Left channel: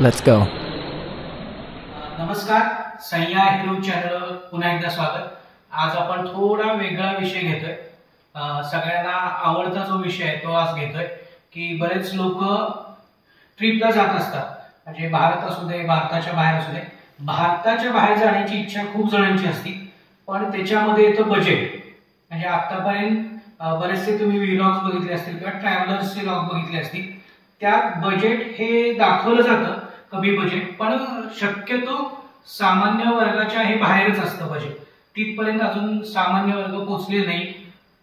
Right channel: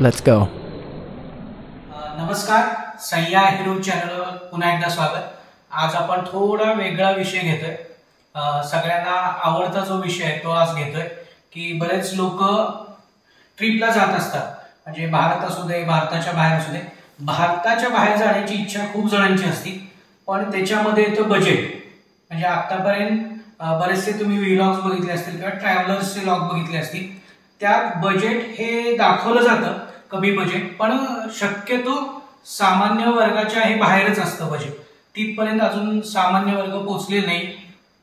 Let's go. नमस्कार, सह्या hero चॅनलवर पुन्हा एकदा स्वागत. आज आपण थोडा वेगळा विषय घेतोय. सगळ्यांना आवडता जो विषय आहे तो आज घेतोय की बरेच लोक ट्रिपला जात असतात, म्हणजे भारत असू दे, भारताच्या बाहेर असू दे. भारताच्या बाहेर जाण्याची इच्छा खूप जणांची असते, पण त्याच्यामध्ये येतं बजेट. म्हणजे आतापर्यंत बरेचसे तुम्ही व्लॉग्स बघितले असतील किंवा ट्रॅव्हलर्सचे व्लॉग बघितले असतील. त्यात बजेट हे दाखवलं जातं, कमी बजेट, पण शक्यतो सामान्य वर्गाच्या हे बाहेरच असतं बजेट. तिथपर्यंत अजून सामान्य वर्ग पोहोचले नाही.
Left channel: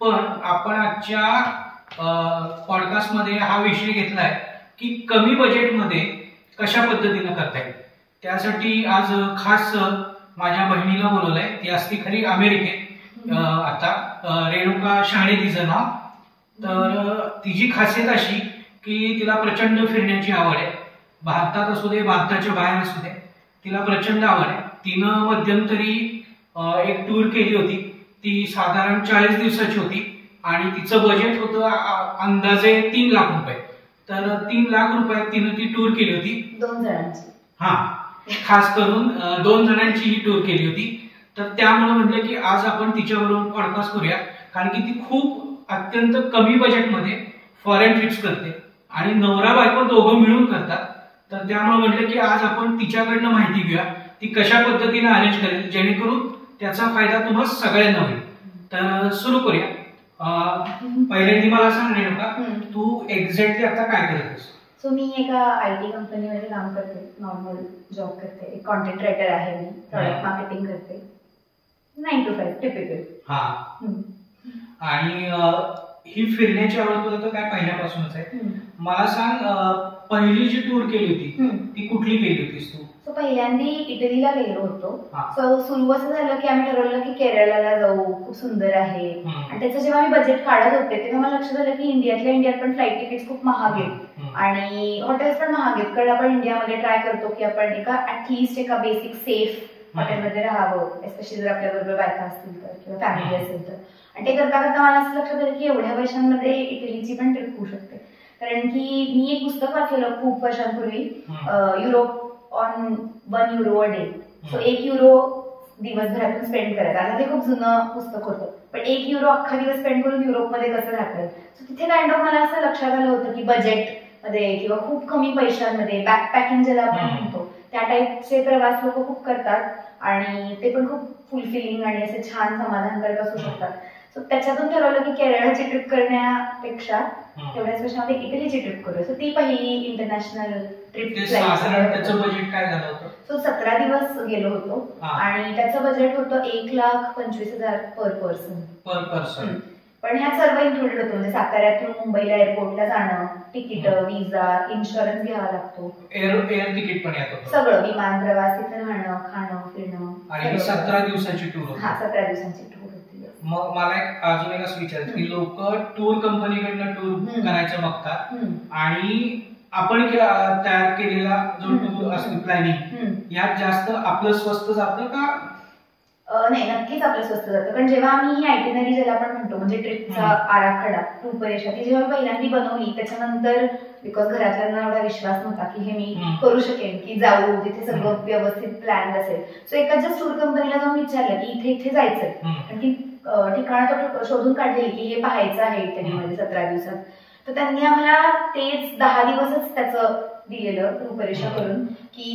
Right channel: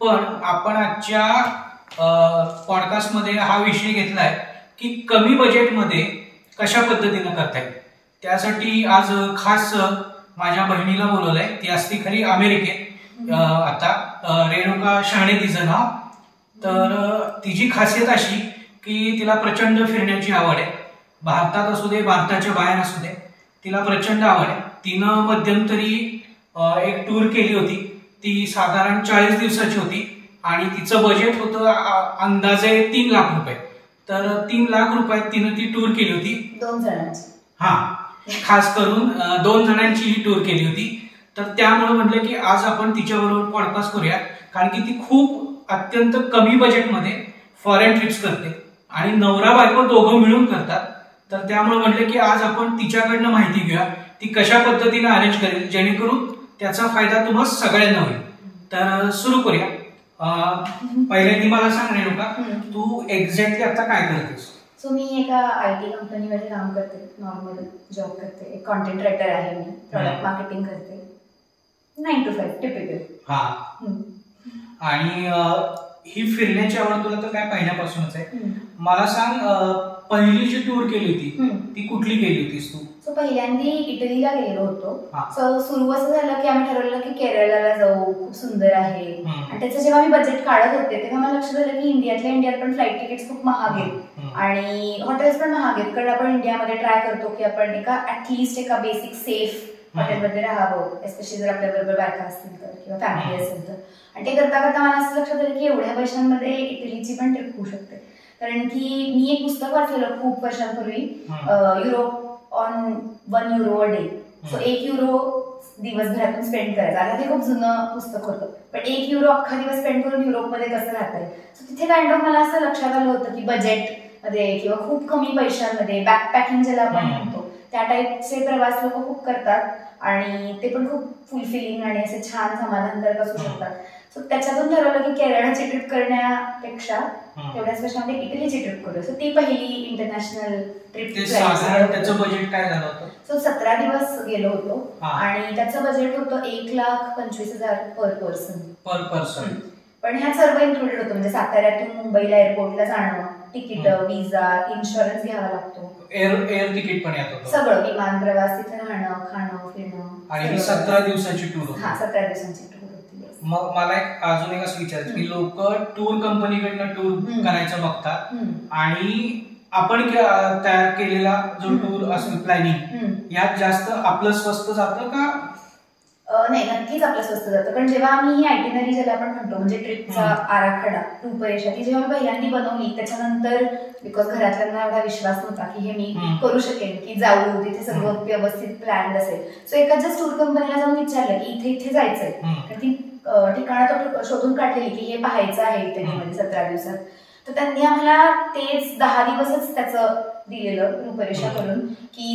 पण आपण आजच्या पॉडकास्टमध्ये हा विषय घेतलाय की कमी बजेटमध्ये कशा पद्धतीनं करता येईल. त्यासाठी आज खास माझ्या बहिणीला बोलवलंय. ती असती खरी अमेरिकेत आता, रेणुका शाणे तिचं नाव. तर तिची खासियत अशी की तिला प्रचंड फिरण्याची आवड आहे. भारतात असू दे, भारताच्या बाहेर असू दे, तिला प्रचंड आवड आहे. तिनं मध्यंतरी एक टूर केली होती. ती साधारण 40 दिवसाची होती आणि तिचं बजेट होतं अंदाजे 3 लाख रुपये. तर 3 लाख रुपयात तिनं ती टूर केली होती. 2 जणांची. खास करून 2 जणांची ही टूर केली होती. तर त्यामुळे म्हटलं की आज आपण तिच्याबरोबर पॉडकास्ट करूया, कारण की ती खूप अत्यंत कमी बजेटमध्ये फॉरेन ट्रिप्स करते आणि नवरा बायको दोघं मिळून करतात. तर त्यामुळे म्हटलं की आज आपण तिच्याकडनं माहिती घेऊया, ती कशा पद्धतीने अरेंज करेल जेणेकरून त्याचा फायदा तुम्हाला सगळ्यांना होईल. तर सुरू करूया. पहिले ती मला सांग रेणुका, तू एक्झॅक्टली आता काय करतेस? सो मी एका IT कंपनीमध्ये काम करते, नॉर्मल जॉब करते. एक कॉन्टेंट रायटर आहे मी, प्रॉडक्ट मार्केटिंग करते. 9 to 5 टिपिकल. आणि ही फिरण्याची आवड तुला तर काय पहिल्यापासूनच आहे. मला सांग, पहिली जी टूर केली होती ती कुठली केली होतीस तू? सो पहिल्यांदा इटलीला गेलो होतो. सो सुरू असं झालं की आम्ही ठरवलं की केरळला जाऊ, खूप सुंदर आहे. आणि त्याचं जेव्हा मी बजेट काढत होते तेव्हा मला लक्षात आलं की इंडियात पण फ्लाईट तिकीट खूप महाग आहेत आणि हॉटेल्स पण महाग आहेत. कारण आपण इंडियामध्ये ट्राय करतो की आपण ऍटलीस्ट एका बेसिक सेफ हॉटेलमध्ये राहावं, एस्पेशली जर आपल्याबरोबर बायका असतील तर किंवा फॅमिली असेल तर. आणि ते करता करता मला असं लक्षात आलं की एवढ्या पैशांमध्ये इटलीची पण ट्रिप होऊ शकते. कारण की मी एक पुस्तक वाचलेलं खूप वर्षांपूर्वी, Europe on 1 euro a day. So 1 euro दिवसभरातून स्पेंड करायचं. आता ते खूप जुनं पुस्तक होतं, पण 1 euro अख्खा दिवस स्पेंड करून युरोपमध्ये कसं राहता येईल. सो तिथे काइंड ऑफ मला असं लक्षात आलं होतं की बजेटमध्ये किंवा खूप कमी पैशांमध्ये बॅकपॅकिंग ज्याला आपण म्हणतो त्या टाईपचे प्रवास लोक खूप करतात आणि ते पण खूप फुलफिलिंग आणि असे छान समाधानकारक असू शकतात. सो त्याच्यातून ठरवलं की केरळची ट्रिप करण्यापेक्षा तेवढ्याच पैशामध्ये इटलीची ट्रिप करू. सो ती पहिली इंटरनॅशनल ट्रिप. त्याचं बजेट काय झालं होतं? सो 17 दिवस गेलो होतो आणि त्याचं बजेट होतं 1,25,000 पर पर्सन. पण ह्यात सर्व इन्क्लुडेड होतं, म्हणजे साताऱ्यातून मुंबईला एअरपोर्टला जाणं, तिकीट, विजा, इन्शुरन्स घ्यावा लागतो, एअर तिकीट पण येत होतं, सगळं, विमान प्रवास, तिथे राहणं, खाणं, फिरणं. आणि 17 दिवसाची टूर होती. 17 दिवसांची टूर होती. मग मला अजून एक असं विचारायचं की लोक टूर कंपनीकडनं टूर करायचं बघतात आणि आपण तयार केलेला जो टूर असेल प्लॅनिंग, यात जास्त आपलं स्वस्त जातं का? नाही, नक्कीच आपलं स्वस्त जातं. कारण जेव्हा आम्ही ही आयटिनरी ज्याला आपण म्हणतो, म्हणजे ट्रिपचा आराखडा, रूपरेषा, ती जेव्हा पहिल्यांदा बनवली त्याच्यानंतर बिकॉज घरातल्यांना एवढा विश्वास नव्हता की हे मी करू शकेन, की जाऊ तिथे सगळं व्यवस्थित प्लॅन असेल. सो एखाद्या टूर कंपनीला जाऊन विचारलं की इथे इथे जायचंय, कारण की ठिकाणं तो शोधून काढलेली की हे पाहायचं आहे इटलीमध्ये 17 दिवसात. तर त्यांनी आम्हाला तेच 10 दिवसच त्याचं दिलेलं रूपरेषा करून, की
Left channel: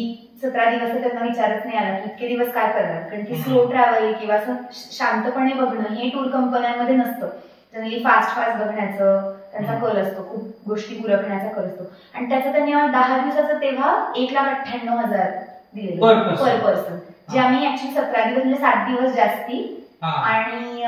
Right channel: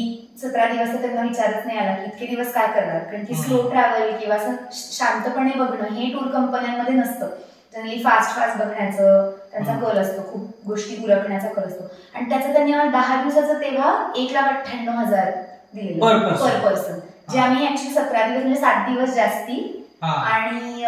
17 दिवस तर त्यांना विचारच नाही आला की इतके दिवस काय करणार. कारण की स्लो ट्रॅव्हल किंवा असं शांतपणे बघणं हे टूर कंपन्यांमध्ये नसतं. जनरली फास्ट बघण्याचं त्यांचा कल असतो, खूप गोष्टी उरकण्याचा कल असतो. आणि त्याचं त्यांनी आम्हाला 10 दिवसाचं तेव्हा 1,98,000 दिलेलं पर पर्सन, जे आम्ही ऍक्च्युली 17 दिवस म्हणजे 7 दिवस जास्ती आणि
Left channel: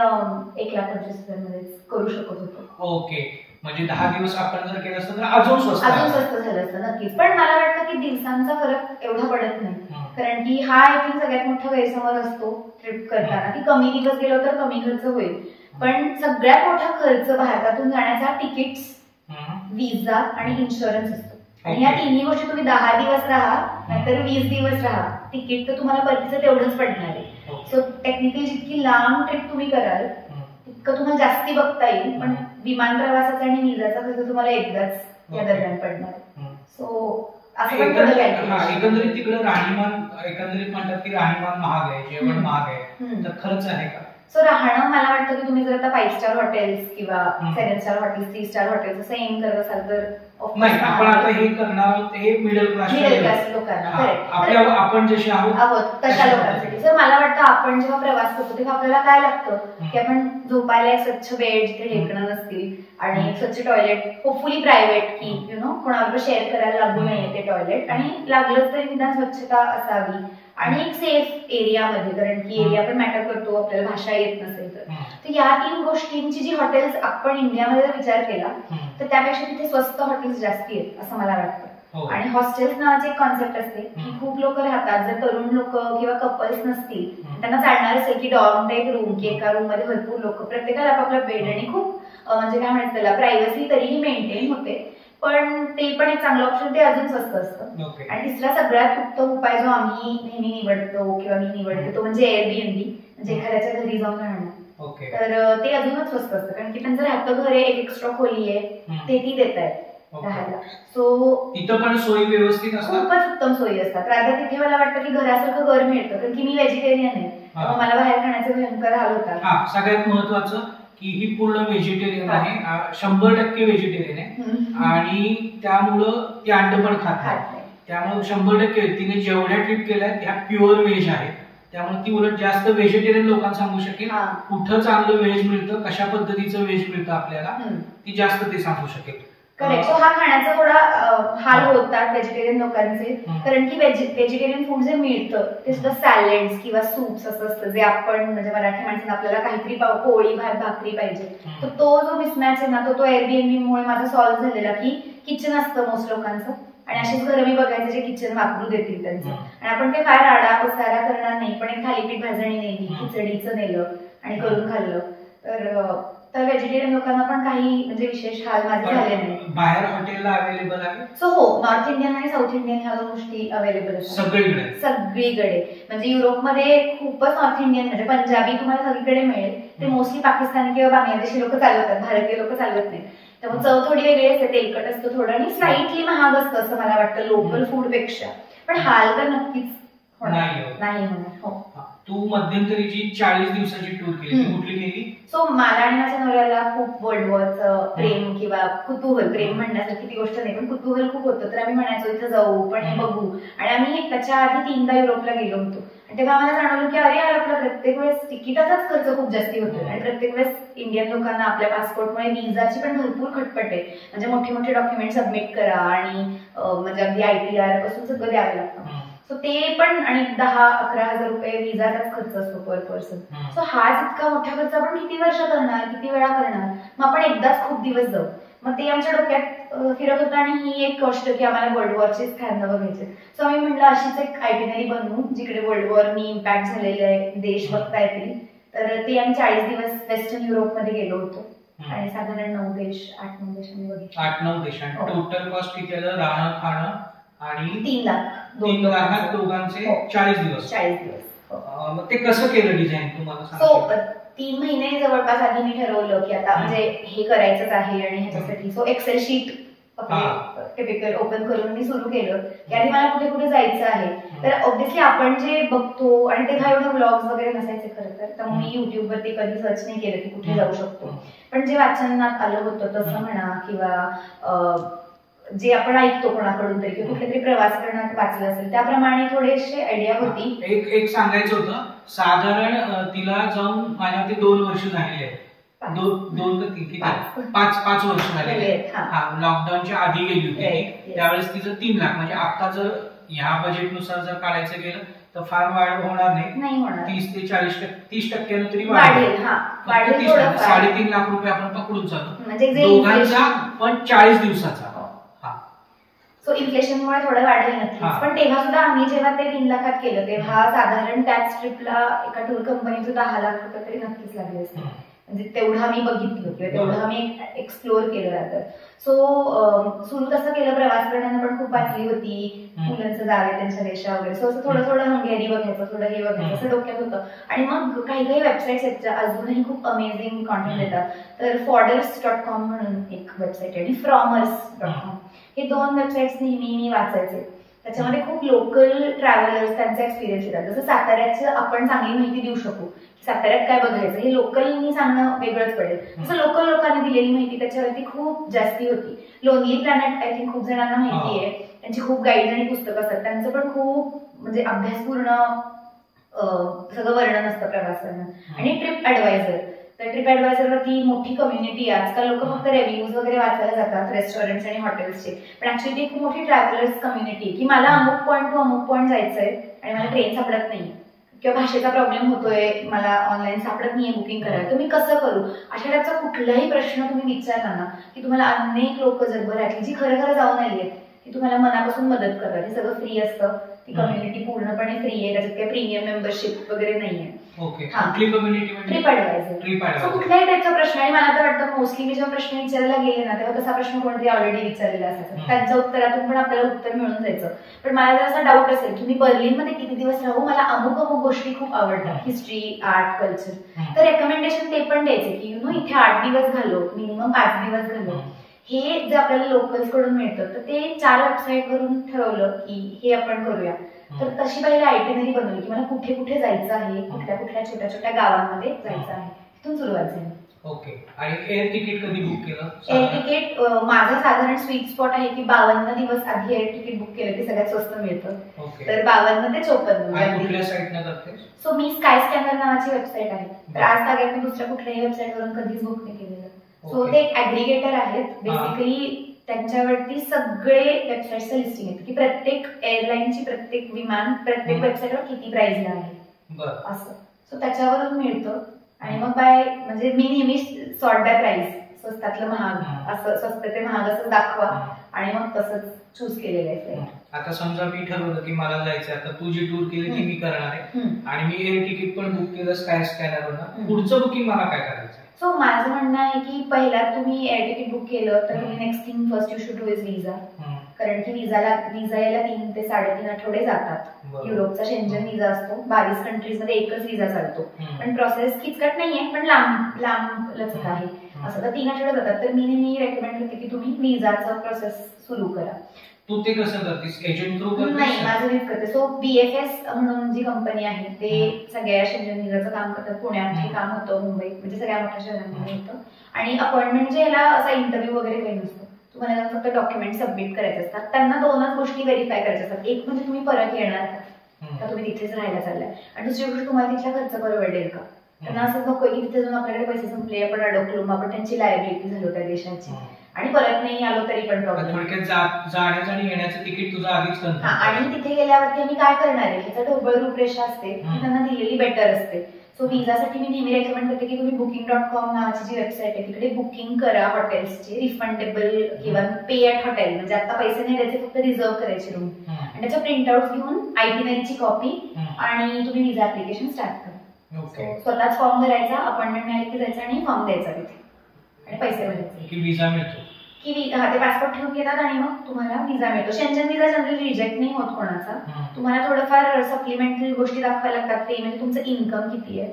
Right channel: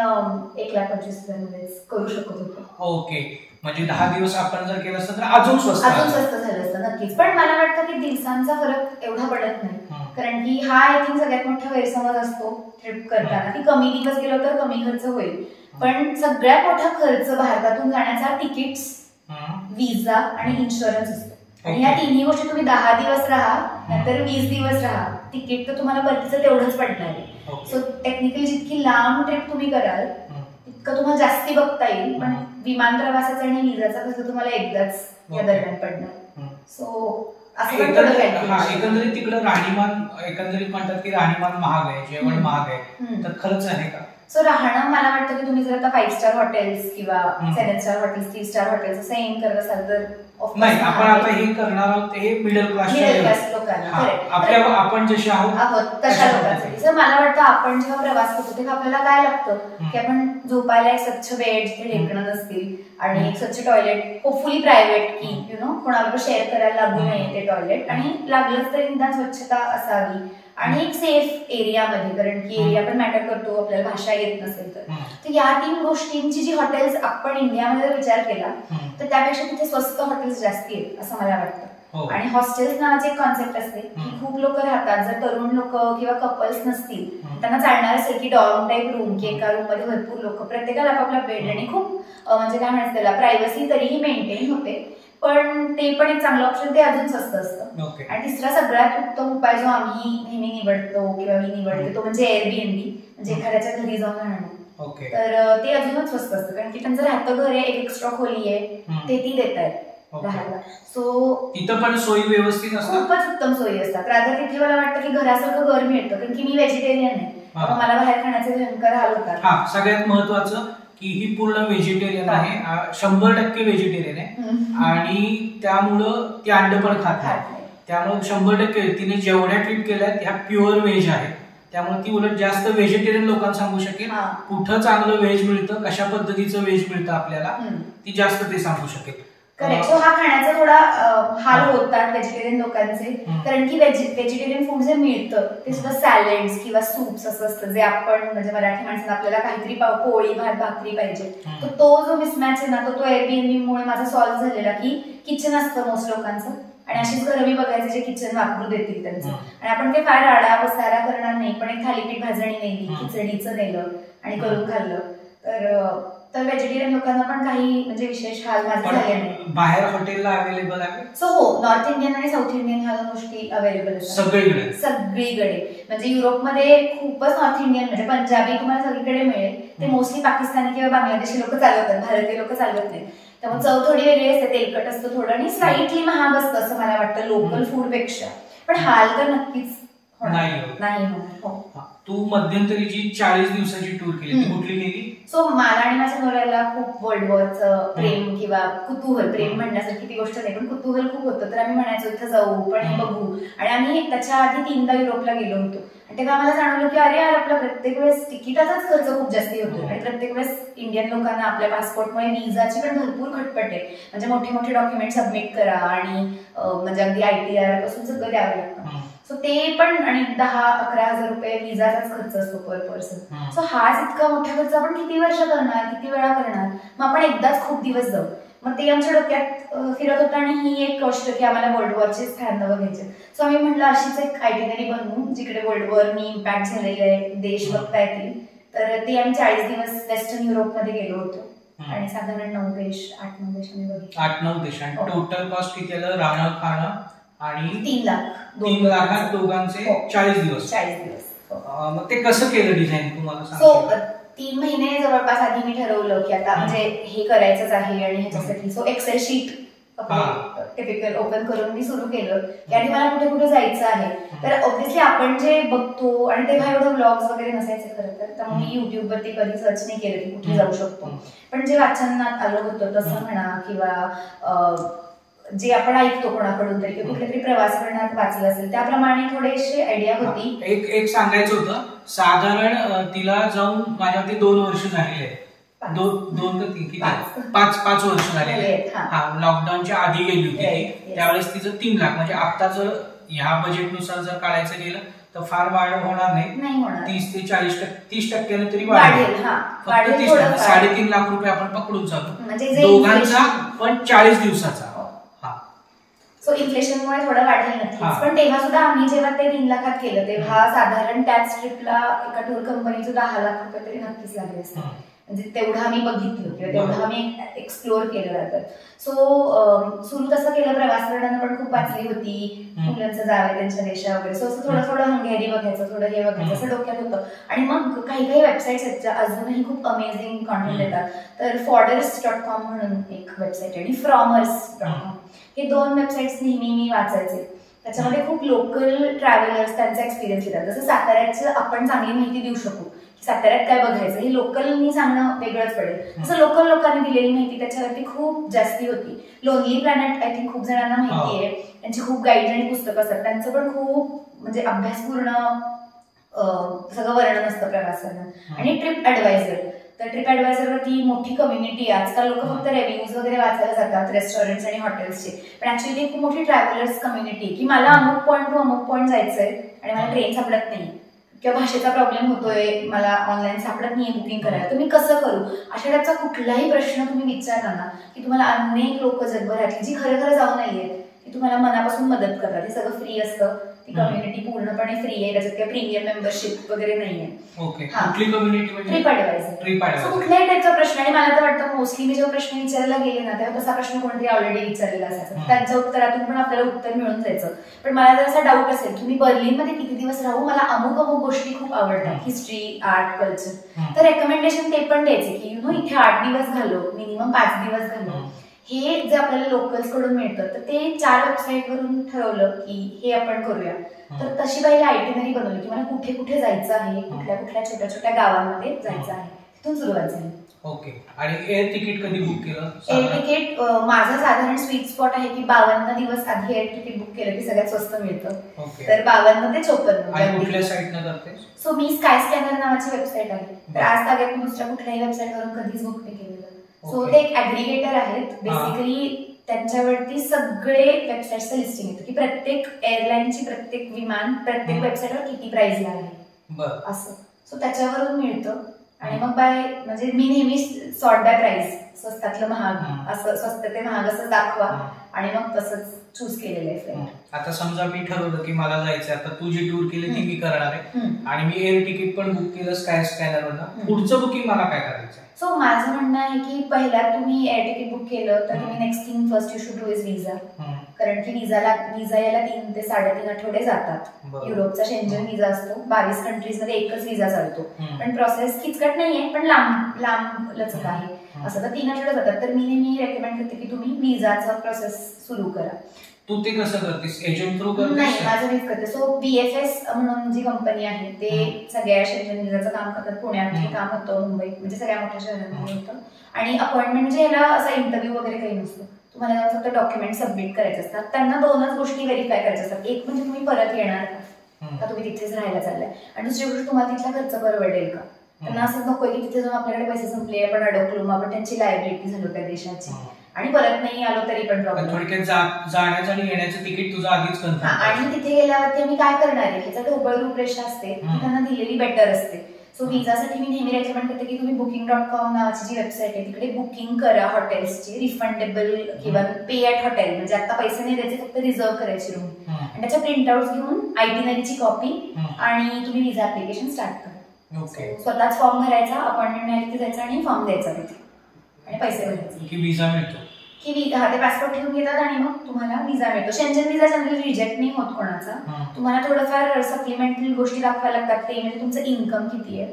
1,25,000 मध्येच करू शकत होतो. ओके, म्हणजे 10 दिवस आपण जर केलं असतं तर अजून स्वस्त झालं असतं. नक्कीच. पण मला वाटतं की दिवसांचा फरक एवढा पडत नाही, कारण की हा आय थिंक सगळ्यात मोठा गैरसमज असतो ट्रिप करताना की कमी दिवस गेलो तर कमी खर्च होईल. पण सगळ्यात मोठा खर्च भारतातून जाण्याचा तिकीट्स, विजा आणि इन्शुरन्स असतो. आणि या तिन्ही गोष्टी तुम्ही 10 दिवस राहा, नंतर 20 दिवस राहा, तिकीट तर तुम्हाला परतीचं तेवढंच पडणार आहे. सो टेक्निकली जितकी लांब ट्रिप तुम्ही कराल तितकं तुम्हाला जास्ती बघता येईल, पण विमान प्रवासाचा आणि विजाचा खर्च तुम्हाला एकदाच या दरम्यान पडणार. सो एकंदरीत तिकडे राहणीमान एकंदरीत म्हणतात की राहणीमान महाग आहे, जेवण महाग आहे, तर खरंच आहे का? सो राहणं मला वाटतं की तुम्ही जर आता 5 स्टार हॉटेल्स किंवा 7 स्टार हॉटेल्स 3 स्टार हॉटेल्स असं एम करत असाल तर नाही, आपण आता हे करणार आहोत हे मिडल क्लास लोकांना, आपण जसे आहोत तशा लोकांसाठी. सर मला वाटतं आपण जेव्हा प्रवास करतो तेव्हा आपल्याला काय लागतं की आपण झोपायला एक स्वच्छ बेड जिथे ढेकणं नसतील आणि एक स्वच्छ टॉयलेट, होपफुली प्रायव्हेट, की कोणाबरोबर शेअर करायला लागू नये ते टॉयलेट, आणि लागलंच तरी निदान स्वच्छता असावी आणि एक सेफ एरियामध्ये, कारण की एरिया पण मॅटर करतो, आपल्याला भाषा येत नसेल तर या 3 गोष्टींची जी हॉटेल्स आपण इंडियामध्ये जर विचार केला तर त्यापेक्षा तिथे स्वस्त हॉटेल्स जास्ती आहेत असं मला वाटतं. आणि हॉस्टेल्स नावाची एक कॉन्सेप्ट असते की खूप लोक राहतात, जर तरुण लोक किंवा कपल्स नसतील त्यांना चालणार असेल की डॉर्म टाईप रूम, की एका रूम मध्ये भरपूर लोक, प्रत्येकाला आपापला बेड आणि खूप म्हणजे काय म्हणायचं त्याला प्रायव्हसी तरीही मेंटेन होते, पण ते पण एक चांगलं ऑप्शन, ते अजून स्वस्त असतं. आणि तिसरा सगळ्यात उत्तम उपाय जो आम्ही नेहमी निवडतो किंवा मी निवडते तो म्हणजे एअरबीएनबी, म्हणजे एखाद्याच्या घरी जाऊन राहणं. तर ते अजूनच स्वस्त असतं, कारण की त्यांचं राहतं घर आहे, एक एक्स्ट्रा खोली आहे, ते ती देत आहेत राहायला. सो तिथं पण सोयी व्यवस्थित असतात, खूपच उत्तम सोयी असतात. राधा तिथे मला वाटतं की घरासारखं घर मिळतं, कारण की मी व्हेजिटेरियन आहे, त्यामुळे मला बाहेर खाण्याचे भयंकर हाल होतात. सगळ्यात महत्वाचं की ही पूर्ण व्हेजिटेरियन आहे, 100% व्हेजिटेरियन आहे, आणि त्यामुळं ती अंड पण खात नाही, त्यामुळे 100% तिने जेवढ्या ट्रिप केल्या ह्या प्युअर व्हेज आहे, त्यामुळे ती उलट जास्त व्हेजिटेरियन लोकांना सांगू शकेल कुठं चांगलं व्हेज मिळतं, कशा पद्धतीचं व्हेज मिळतं आपल्याला, ती जास्त ते सांगू शकेल. करेक्ट. सो हा खाण्याचा थोडा हाल होतात व्हेजिटेरियन लोकांचे, कारण की व्हेजिटेरियन फूड जे मिळतं ते सुद्धा सॅलेड्स किंवा सूप्स असं असतं, जे आपण म्हणजे मराठी माणसांना आपल्याला काहीतरी पोळी भात भाकरी पाहिजे, तर तो जो मिसमॅच आहे ना तो एअरबीएनबी मुळे माझा सॉल्व्ह झालेला, की किचन असतं मोस्ट लोकांचं, आणि अशीच घरं मी बघायचे जे किचन वापरू देतील त्यांचं, आणि आपण ते फार आडा पसारा करणार नाही, पण एक थालीपीठ भाजणी नेली, खिचडीचं नेलं आणि करून खाल्लं, तर व्हेजिटेरियन लोकांना पण काही म्हणजे विशेष हाल माझे झाले नाही. बाहेर हॉटेलला अवेलेबल आहे. सो हो, नॉर्थ इंडियन आणि साऊथ इंडियन ह्या 2 गोष्टी अवेलेबल असतात सगळीकडे. म्हणजे युरोपमध्ये खूपच नॉर्थ इंडियन म्हणजे पंजाबी तुम्हाला सगळीकडे मिळेल, ते मोस्टली पाकिस्तानी किंवा बांगलादेशी लोक चालवतात, भारतीय लोक चालवत नाहीत, त्यामुळे चव थोडी वेगळी असते, तेलकट असतं थोडं आणि स्लाइटली महाग असतं असं मला वाटतं लोकल फूड पेक्षा, पण हाल तर नक्कीच नाही. तू मध्यंतरी जी 40 दिवसाची टूर केली ती कुठली केली? सो मला आणि माझ्या नवऱ्याला खूप वर्ल्ड वॉरचं प्रेम किंवा कुतूहल, प्रेम म्हणण्यासारखी ती गोष्ट नाही पण कुतूहल खूप होतं, तर आम्ही म्हणायचो इथं जाऊ पण हे बघू, आणि आम्ही त्याच्या आधी 3दा युरोपला गेलो होतो, आणि तेव्हा आम्हाला जाणवलं की अरे यार आपला प्रत्येक वेळेस तिकिटाचाच खर्च खूप जास्ती होतो, आणि प्रत्येक वेळेस इंडियन लोकांना आपल्या पासपोर्टमुळे विजाची पण भरपूर खटपट आहे, म्हणजे मोठे मोठे डॉक्युमेंट सबमिट करा आणि म्हणजे अगदी ITR पासून सगळं द्यावं लागतं. सो ते पण, आणि 10-11 हजार रुपये विजाचाच खर्च असतो पर पर्सन. सो हाच इतका मोठा खर्च आपण किती वर्ष करणार, किती वेळा करणार, मग आपण एकदाच खूप दिवस जाऊ. मग ते आमच्या डोक्यात फिरत होतं, आणि ही एक गोष्ट की आम्हाला वर्ल्ड वॉरचे स्थान बघायचे. सो आम्ही म्हटलं अशीच एक आयटिनरी बनवू जिकडे वर्ल्ड वॉरनी इम्पॅक्ट झालेले देश बघता येतील. तर ते आम्ही 40 दिवस वेस्टर्न युरोपमध्ये गेलो होतो, आणि साधारण 8-9 देश आम्ही बघितले. 8-9 देश. आणि टोटल कॉस्ट किती आलं राहणं खाणं? आणि 3 लाख. 3 लाखात दोघांचे 40 दिवस. मग ते कसं केलं डिझाईन तुम्हाला सांगतो? 3 महिने जवळपास आधी मी ठरवलं की आता म्हणजे हे करायचंच आहे, आणि ह्याच्यासाठी so excel sheet typical open करून मी सुरू केलं की आधी मला कुठे कुठे जायचं आहे. तर ऑब्व्हियसली आपण जे बघतो, आणि तेव्हा एवढं ब्लॉग्स वगैरे नसायचे खरं तर, त्यामुळे मी युट्यूबवरती कधी सर्च नाही केलं की कुठे जाऊ शकतो, पण जे वाचनात आलं होतं तसं म्हणा, किंवा जे आपण ऐकतो कोणाकडून तरी कुठल्या तरी प्रवास करण्यात वाचलं असेल त्याप्रमाणे थोडेसे आयडिया होती. एक सांगायचं होतं, साधारण तिला जाऊन माझ्या ते 2 वर्ष झालेले आहेत, 5 वर्ष झालेले. लॉकडाऊनच्या आधी गेली होती त्यावेळेस तिचं 3 लाख, म्हणजे आता जर ह्या बजेटनुसार जर काढायचं गेलं तर फार वाढ होणार नाही, 30 ते 30% तरी वाढेल. 3.5 लाख रुपये आपण पकडून चालू दोघांचा, पण 40 दिवसाचा. सो इन्फ्लेशनमुळे थोडं वाढेल नक्कीच, पण तेव्हा सुद्धा आम्ही जेव्हा ते 3 लाखात केलं तेव्हा साधारण त्याच ट्रिपला एका टूर कंपनीचं 10 लाख रुपये तरी नक्कीच लागले असते. म्हणजे तेवढं आम्ही बघितलं किंवा तेवढं आम्ही एक्सप्लोअर केलं जातं. सो सुरू तसं केलं, प्रवास करताना पण खूप वाचली होती, मुलांचं जावे त्यांच्या देशा वगैरे. सो असं थोडं थोडं हंगेरी बघायचं, थोडं हे बघायचं असं डोक्यात होतं. आणि मग काही काही वेबसाईट्स आहेत ज्या अजूनही खूप अमेझिंग कॉन्टेंट देतात. तर forders.com म्हणून एक वेबसाईट आहे आणि fromers.com, हे 2 वेबसाईट्स नेहमी मी वाचायचे. त्याच्यामध्ये खूप लोकल ट्रॅव्हलर्स त्यांचा एक्सपिरियन्स देतात. जसं साताऱ्याचं आपण चांगली माहिती देऊ शकू की साताऱ्यात काय बघायचं, हे लोकलनी सांगणं वेगळंच पडेल. तसं लोकल लोकांनी दिलेली माहिती त्याच्यावरती खूप जास्ती होती. लोनली प्लॅनेट आय थिंक खूप जणांना माहिती आहे, त्यांची खूप गाईड आणि पुस्तकं असतात, त्यांचं पण खूप म्हणजे अभ्यासपूर्ण सगळं वर्णन असतं प्रवास वर्णन. आणि ट्रिप ॲडवायझर, तर ट्रिप ॲडवायझरवरती मोठी कम्युनिटी आहे. आजकाल लोक फक्त रिव्ह्यूज वगैरे वाचायला जातात रेस्टॉरंट्स आणि हॉटेल्सचे, पण ऍक्च्युली ती खूप मोठी ट्रॅव्हलर्स कम्युनिटी की मला अमुक पॉईंट टू अमुक पॉईंट जायचंय आणि मला ट्रेन सापडत नाही किंवा भाषेचा प्रॉब्लेम होतोय, मला ऑनलाईन सापडत नाहीये बुकिंग करायला, तुम्ही कसं करू, अशा टाईपचा कुठलाही प्रश्न तुम्ही विचारला ना की तुम्हाला अनेक लोक जगभरातली जी खरं खरं जाऊन आली आहेत ती तुम्हाला मनापासून मदत करतात. हे सगळं फ्री असतं, ती कम्युनिटी पूर्णपणे फ्री आहे, त्याच्यात काही प्रीमियम मेंबरशिप वगैरे नाहीये. ट्रिप ॲडवायझर कुठल्याही टाईपचा प्रश्न. आणि मला तर वाटतं मोस्टली मी जेव्हा प्रश्न विचारायला गेले ना तेव्हा तसा प्रश्न कोणतरी ऑलरेडी विचारलेला असायचा, त्यांच्या उत्तरातून पण आपल्याला उत्तर मिळून जायचं. पण मला जर असा डाऊट असेल की मी बर्लिनमध्ये किती दिवस राहू, मला अमुक अमुक गोष्टी खूप आवडतात, हिस्ट्री, आर्ट, कल्चर, तर रेकमेंडेशन ते पण द्यायचे की इथे 8 दिवस घालो, मिनिमम 5 दिवस घालो. हे जे आपल्याला लोकल्स कडून मिळतं, तर ते 4 वेबसाईटवरून ठरवलं की हे आपण करूया. तर तशी पहिला आयटिनरी बनवली की मला कुठे कुठे जायचं आहे, कुठल्या कुठल्या छोट्या छोट्या गावांमध्ये जायचं आहे, तिथून सुरुवात झाली. ओके. आणि एअर तिकीट कधी बुक केलं? एअर तिकीट माझा साधारण स्वीट स्पॉट आहे की 52 दिवस आधी एअर तिकीट बुक केलं की सगळ्यात स्वस्त मिळतं. तर 52 ते 54. कुठल्या साईटनं करते? सो मी स्काय स्कॅनर नावाची वेबसाईट आहे, तर आज तागात मी दुसऱ्या कुठल्याही वेबसाईटवरून कधीच बुक नाही केलेलं. सो ते एक ऍग्रिगेटर आहेत बेसिकली, त्यांच्यावरती सगळे वेबसाईटचं लिस्टिंग येतं की प्रत्येक एअरलाईनची, प्रत्येक विमान, प्रत्येक वेबसाईटवर किती प्राइसला आहे असं. सो त्याच्यावरून मिळतं. आणि मग म्हणजे मी नेहमी सॉर्ट बाय प्राइस, स्वस्तातलं महाग असं, स्वस्त ते महाग असं दाखवा आणि मग तसंच चूज केलेलं आहे फ्लाईट. आता समजा मी ठरवलं की मला जायचं, आता तू जी टूर केली ती मी करणार आहे आणि मी एअर तिकीट पण बुक केलं स्काय स्कॅनरवरनं, पुढचं बुकिंग मला काय करायचं? सो माझं म्हणणं आहे की पहिला तुम्ही एअर तिकीट बुक केलं तर तुम्ही next thing first you should do is visa. कारण की विजा यायला 3 ते 3.5 आठवडे जातात. युरोपचा शेंजन व्हिसा असतो, 22 कंट्रीज मध्ये एकच व्हिसा चालतो, पण प्रोसेस किचकट नाहीये, पण लांब लचक आहे असं. तर 3 आठवडे जातात. तर मी नेहमी रेकमेंड करते की तुम्ही व्हिसाचं प्रोसेस सुरू करा. तू ते कसं करतेस? एजंट थ्रू करतेस? नाही, माझं मीच करते. सो BFS म्हणून जी कंपनी आहे ते सगळ्या शेंजन व्हिसाचं काम करतात. पुण्यात हे काम होतं, मुंबईत म्हणजे सगळ्या मोठ्या शहरांमध्ये होतं. आणि अपॉइंटमेंट म्हणजे ह्याला असा इंटरव्ह्यू वगैरे काही नसतो, तुम्हाला जाऊन फक्त डॉक्युमेंट सबमिट करायचे असतात. त्यांना 2च गोष्टी व्हेरीफाय करायच्या असतात. एक म्हणजे तुम्ही परत येणार का तुम्ही तिथेच राहायला चाललाय, आणि दुसरी गोष्ट तुम्हाला तिथला खर्च परवडेल का. त्यांना असंच नकोय की तिथे जाऊन आपल्याकडे पैसे संपले, आपण अडकलो, आपण त्यांची लायबिलिटी झालो त्या देशाची आणि परत नाही आलो तरी पण प्रॉब्लेम. थोडक्यात जाण्याचं आणि येण्याचं तिकीट तुझं आधीच कन्फर्म. आणि तिथे गेल्यावरती आम्ही काय करणार आहे ह्याचा ढोबळ रूपरेषा असते, ती त्यांना दिलेली बेटर असते. सो व्हिसासाठी मी नेहमी रेकमेंड करते की तुम्ही booking.com नावाची जी वेबसाईट आहे तिकडे बुकिंग करा हॉटेल्सची, रिफंडेबल किंवा पे ॲट हॉटेल, म्हणजे आता पैसे नाही द्यायचे, फक्त रिझर्व करायची रूम आणि त्याच्या प्रिंटआउट घेऊन आयटिनरीची कॉपी आणि तुम्ही व्हिसा ऍप्लिकेशन स्टार्ट करा. स्वतःच फॉर्म भरायचा, अपॉइंटमेंट मिळाली की जायचं आणि फॉर्म द्यायचा तिथे आणि पैसे भरायचे की व्हिसा मिळतो की ते पासपोर्ट ठेवून घेतात आणि मग तुम्हाला व्हिसा मिळतो. शेंजन व्हिसा जनरली रिजेक्ट नाही होत कोणाचा. तुम्हाला थोडंफार सप्लिमेंटरी गोष्टी दाखवायला लागतात, ते म्हणजे तुमचं इन्कम किती आहे,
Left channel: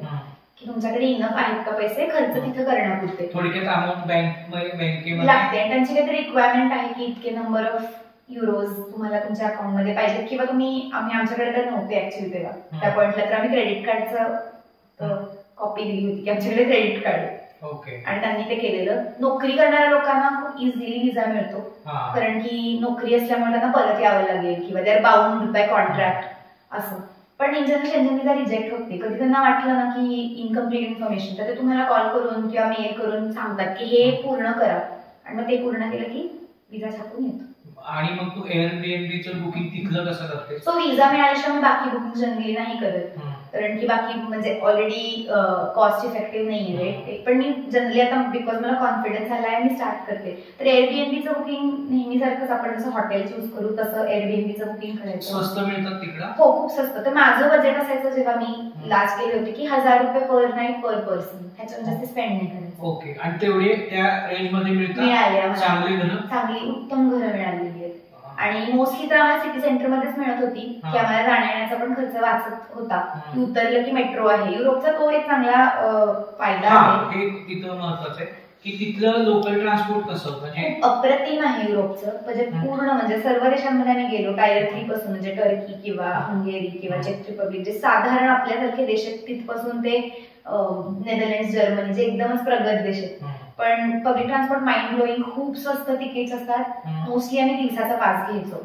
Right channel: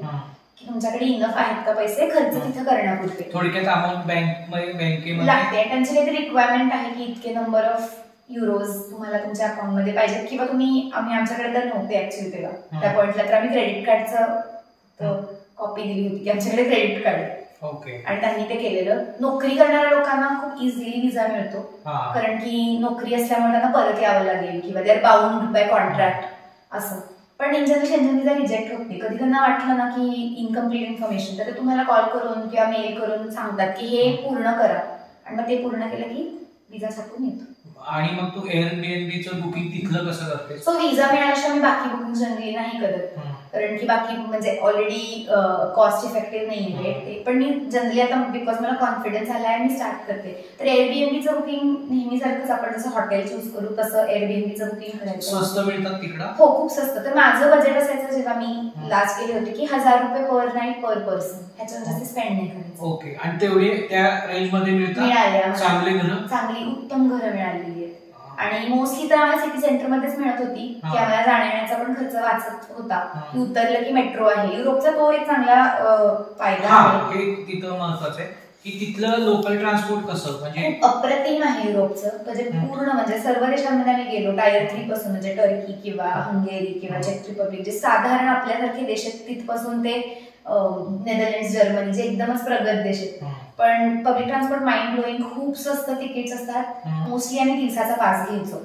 की तुमच्याकडे इनफ आहेत का पैसे खर्च तिथे करण्यापुरते. थोडक्यात अमाऊंट बँकेमध्ये लागते आणि त्यांची काहीतरी रिक्वायरमेंट आहे की इतके नंबर ऑफ युरोज तुम्हाला तुमच्या अकाउंटमध्ये पाहिजेत, किंवा आम्ही आमच्याकडे तर नव्हते ऍक्च्युली तेव्हा त्या पॉइंटला, तर आम्ही क्रेडिट कार्डचं कॉपी दिली होती की आमच्याकडे क्रेडिट कार्ड आहे. आणि त्यांनी ते केलेलं. नोकरी करणाऱ्या लोकांना खूप इझिली व्हिसा मिळतो, कारण की नोकरी असल्यामुळे त्यांना परत यावं लागेल किंवा they are bound by contract असं. पण in general Schengen visa reject होत नाही. कधी त्यांना वाटलं ना की इनकम्प्लीट इन्फॉर्मेशन, तर ते तुम्हाला कॉल करून किंवा मेल करून सांगतात की हे पूर्ण करा आणि मग ते पूर्ण केलं की व्हिसा छापून येतो. आणि मग तू एअरबीएनबीचं बुकिंग तिथलं कसं करते? सो विजा मिळाल्याशिवाय मी बाकी बुकिंग जनरली नाही करत, कारण की बाकी म्हणजे ऑलरेडी कॉस्ट इफेक्टिव्ह नाही आहे. पण मी जनरली आता बिकॉज मला कॉन्फिडन्स आला आहे मी स्टार्ट करते. तर एअरबीएनबीचं बुकिंग नेहमीसारखंच आपण जसं हॉटेल चूज करू तसं एअरबीएनबीचं बुकिंग करायचं. स्वस्त मिळतात तिकडं? हो, खूप स्वस्त. तर माझं बजेट असायचं जेव्हा मी लास्ट गेले होते की 1000 रुपये पर नाईट पर पर्सन, ह्याच्यावर जास्त स्पेंड नाही करायचं. ओके. आणि तेवढे त्या रेंज मध्ये मिळाले, चांगली घरं, चांगली उत्तम घरं मिळालेली आहेत. आणि मोस्टली तर आम्हाला सिटी सेंटर मध्येच मिळत होती की आम्हाला जाण्याचा पण खर्च वाचत होता. की उतरलं की मेट्रो आहे. युरोपचा तो एक चांगला फायदा आहे. हे तिथं महत्वाचं आहे की तिथलं लोकल ट्रान्सपोर्ट कसं म्हणजे अप्रतिम आहे युरोपचं. म्हणजे पूर्ण म्हणजे सर्व देशांमध्ये आम्ही गेलो, टायर 3 पासून म्हणजे टर्की किंवा हंगेरी किंवा चेक रिपब्लिक, जे साधारण आपल्यासारखे देश आहेत तिथपासून ते नेदरलँड, जर्मनी, जे एकदमच प्रगत देश आहेत. पण पब्लिक ट्रान्सपोर्ट माइंड ब्लोईंग, खूप स्वस्त तिकीट्स असतात. मोस्टली आम्ही दिवसाचा पास घ्यायचो.